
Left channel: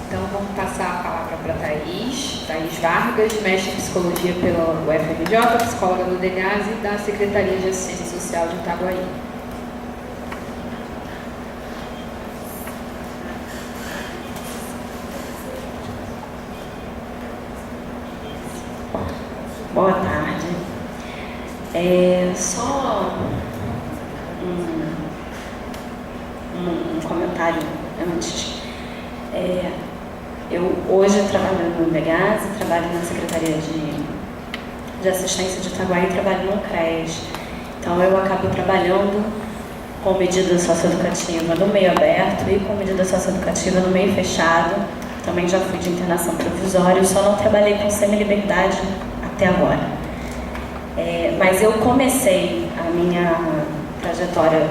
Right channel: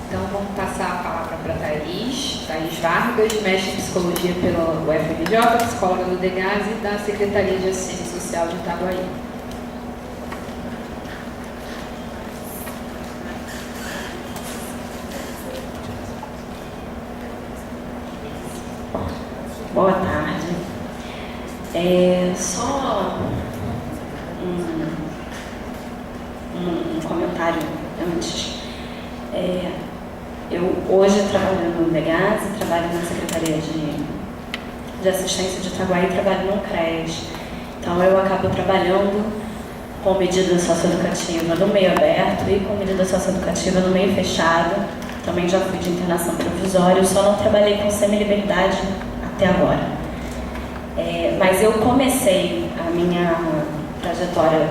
Então vamos passar a palavra para Thaís Vargas, mestre em Psicologia pela UFRJ, psicóloga do DEGAS e da Secretaria de Assistência Social de Itaguaí. Boa tarde. Só um comentário antes. Eu hoje trabalho no DEGAS, trabalho na Secretaria de Assistência de Itaguaí e trabalho no CRES. Então eu acabo trabalhando com medida socioeducativa no meio aberto e com medida socioeducativa no meio fechado. Também já fui de internação provisória, só não trabalhei com semi-liberdade até agora. Mas eu comecei a minha trajetória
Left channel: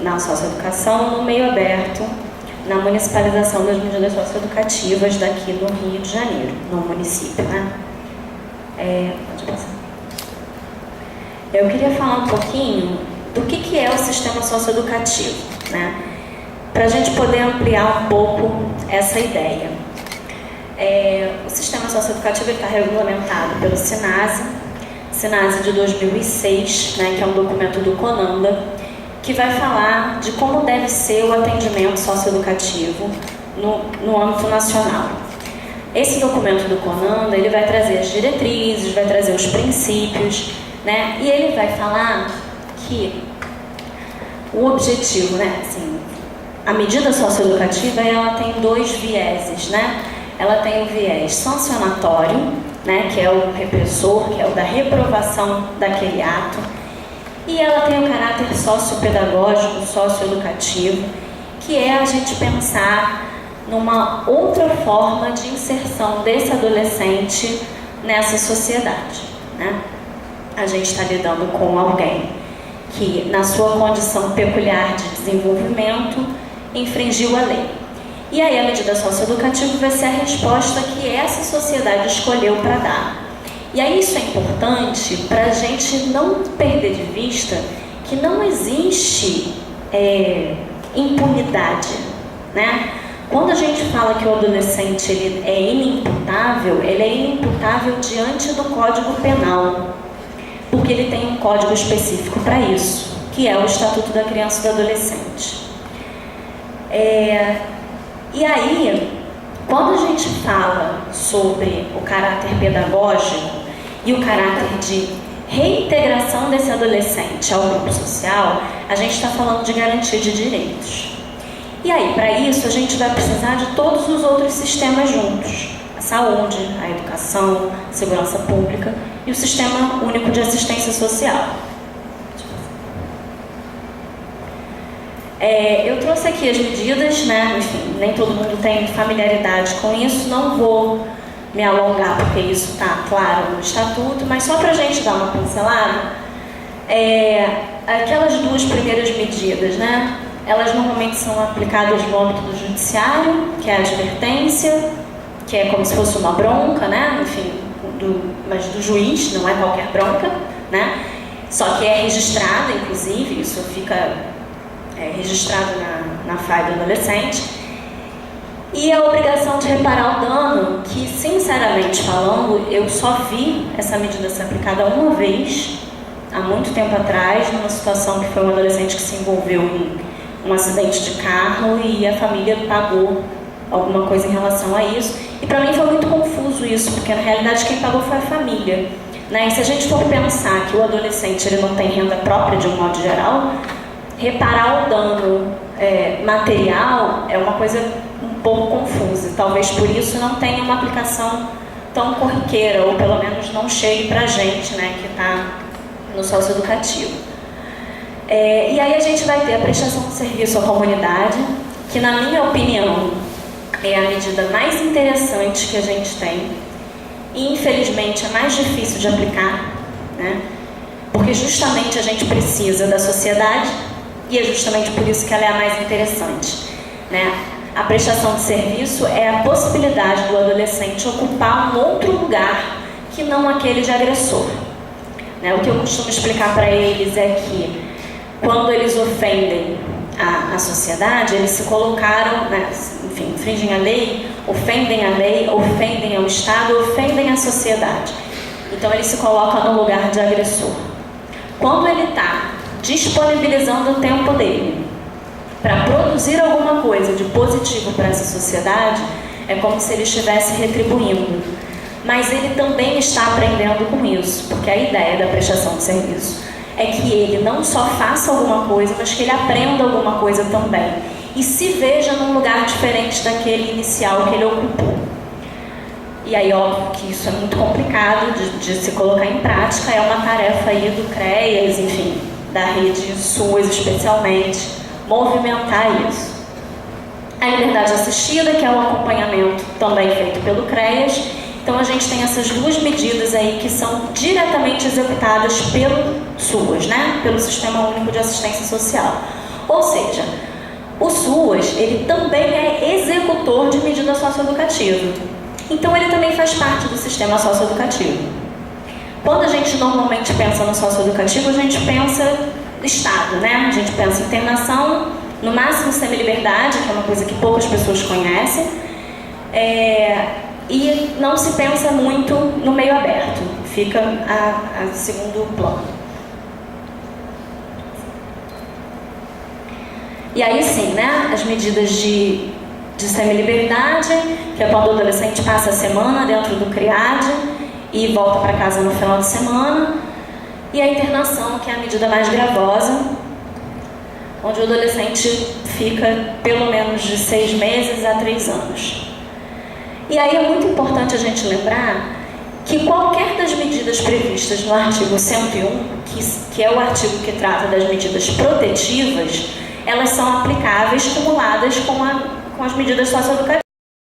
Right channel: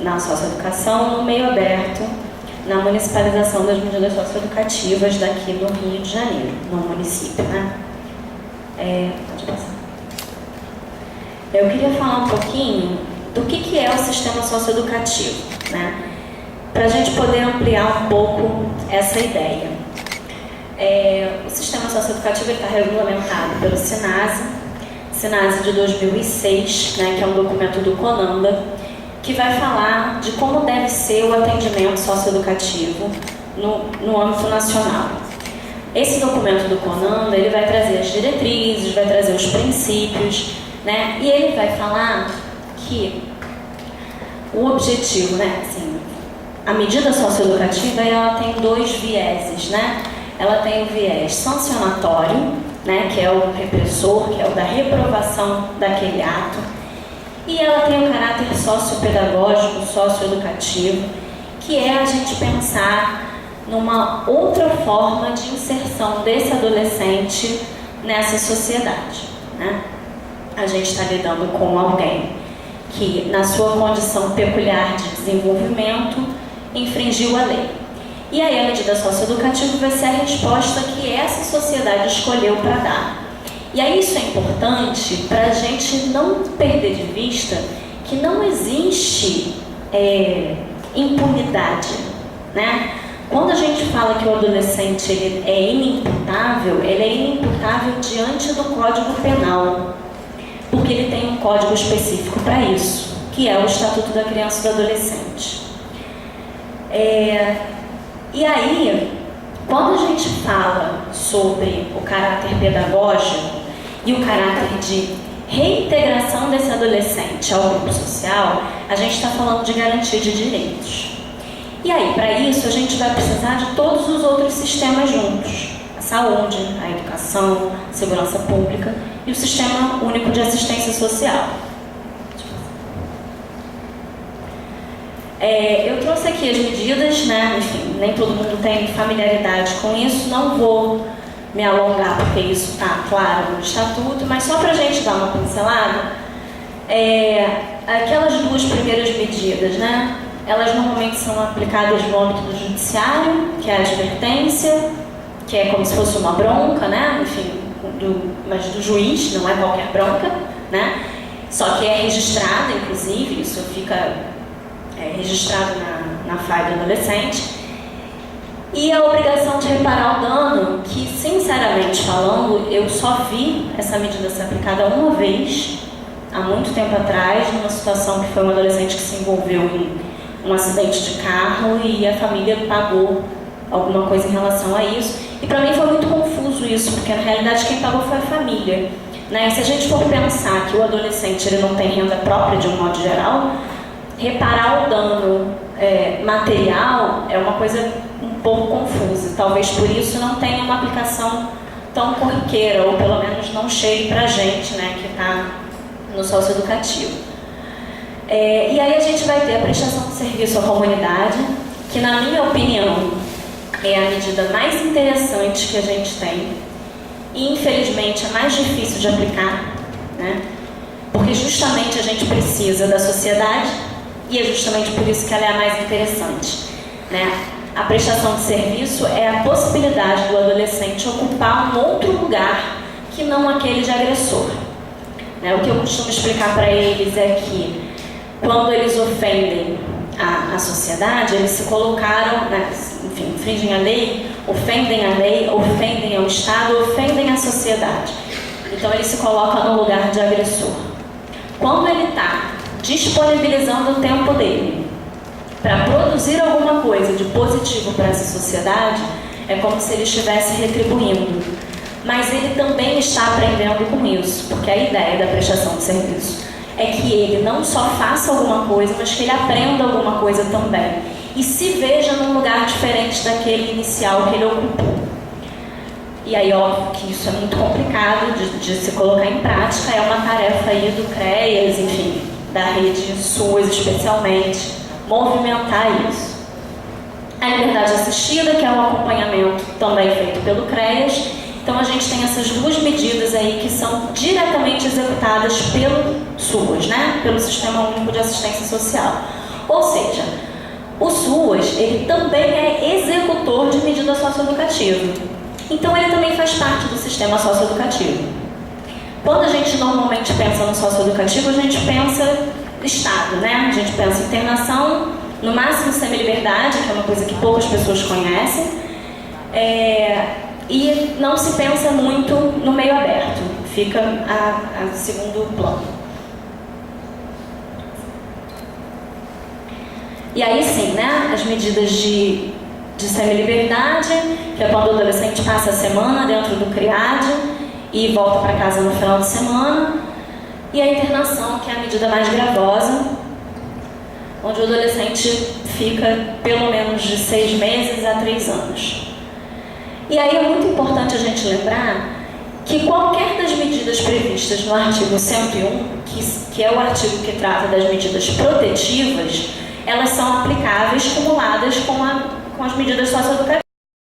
na socioeducação no meio aberto, na municipalização das medidas socioeducativas daqui do Rio de Janeiro, no município, né? Pode passar. Eu queria falar um pouquinho do que é o sistema socioeducativo, né? Para a gente poder ampliar um pouco essa ideia. O sistema socioeducativo está regulamentado pelo SINASE de 2006, né, que é um documento do CONANDA, que vai falar de como deve ser o atendimento socioeducativo no âmbito nacional. Esse documento do CONANDA, ele vai trazer as diretrizes, vai trazer os princípios, né, e ele vai falar que o objetivo, né, assim, a medida socioeducativa, ela tem dois vieses, né? Ela tem o viés sancionatório, né, que é o repressor, que é o da reprovação daquele ato, e ela tem o caráter sociopedagógico, socioeducativo, que é a gente pensar numa outra forma de inserção desse adolescente nessa sociedade, né? A gente está lidando com alguém que, na sua condição peculiar de desenvolvimento, infringiu a lei. E aí a medida socioeducativa vai ser a resposta que essa sociedade escolheu para dar. E aí isso é importante para a gente não perder de vista que não existe impunidade, né? Quando a gente fala que o adolescente ele é inimputável, ele é inimputável diante do Código Penal, porque ele tem um código específico para isso, que é o Estatuto da Criança e do Adolescente. E aí, quando a gente fala sobre o caráter pedagógico e o caráter de reintegração desse adolescente ao grupo social, a gente está falando de garantia de direitos. E aí, para isso, a gente vai precisar de todos os outros sistemas juntos. A saúde, a educação, a segurança pública e o Sistema Único de Assistência Social. Eu trouxe aqui as medidas, né? Enfim, nem todo mundo tem familiaridade com isso, não vou me alongar porque isso está claro no Estatuto, mas só para a gente dar uma pincelada, aquelas duas primeiras medidas, né? Elas normalmente são aplicadas no âmbito do judiciário, que é a advertência, que é como se fosse uma bronca, né? Enfim, mas do juiz, não é qualquer bronca, né? Só que é registrada, inclusive, isso fica registrado na FAI do adolescente. E a obrigação de reparar o dano, que, sinceramente falando, eu só vi essa medida ser aplicada uma vez, há muito tempo atrás, numa situação que foi um adolescente que se envolveu em um acidente de carro e a família pagou alguma coisa em relação a isso. E para mim foi muito confuso isso, porque na realidade quem pagou foi a família, né? E se a gente for pensar que o adolescente ele não tem renda própria de um modo geral, reparar o dano material é uma coisa um pouco confusa. Talvez por isso não tenha uma aplicação tão corriqueira, ou pelo menos não chegue para a gente, né, que está no socioeducativo. E aí a gente vai ter a prestação de serviço à comunidade, que na minha opinião é a medida mais interessante que a gente tem e infelizmente é mais difícil de aplicar, né? Porque justamente a gente precisa da sociedade e é justamente por isso que ela é a mais interessante, né? A prestação de serviço é a possibilidade do adolescente ocupar um outro lugar que não aquele de agressor, né? O que eu costumo explicar para eles é que quando eles ofendem a sociedade, eles se colocaram, né, enfim, infringem a lei, ofendem ao Estado, ofendem a sociedade. Então ele se coloca no lugar de agressor. Quando ele está disponibilizando o tempo dele para produzir alguma coisa de positivo para essa sociedade, é como se ele estivesse retribuindo. Mas ele também está aprendendo com isso, porque a ideia da prestação de serviço é que ele não só faça alguma coisa, mas que ele aprenda alguma coisa também. E se veja num lugar diferente daquele inicial que ele ocupou. E aí, óbvio que isso é muito complicado de se colocar em prática, é uma tarefa aí do CREAS, enfim, da rede SUS especialmente, movimentar isso. A liberdade assistida, que é um acompanhamento também feito pelo CREAS. Então a gente tem essas duas medidas aí que são diretamente executadas pelo SUS, né? Pelo Sistema Único de Assistência Social. Ou seja, o SUS, ele também é executor de medida socioeducativa. Então ele também faz parte do sistema socioeducativo. Quando a gente normalmente pensa no socioeducativo, a gente pensa Estado, né? A gente pensa em internação, no máximo semi-liberdade, que é uma coisa que poucas pessoas conhecem. E não se pensa muito no meio aberto, fica a segundo plano. E aí sim, né, as medidas de semi-liberdade, que é quando o adolescente passa a semana dentro do CRIAD e volta para casa no final de semana, e a internação, que é a medida mais gravosa, onde o adolescente fica pelo menos de 6 meses a 3 anos. E aí é muito importante a gente lembrar que qualquer das medidas previstas no artigo 101, que é o artigo que trata das medidas protetivas, elas são aplicáveis cumuladas com as medidas socioeducativas.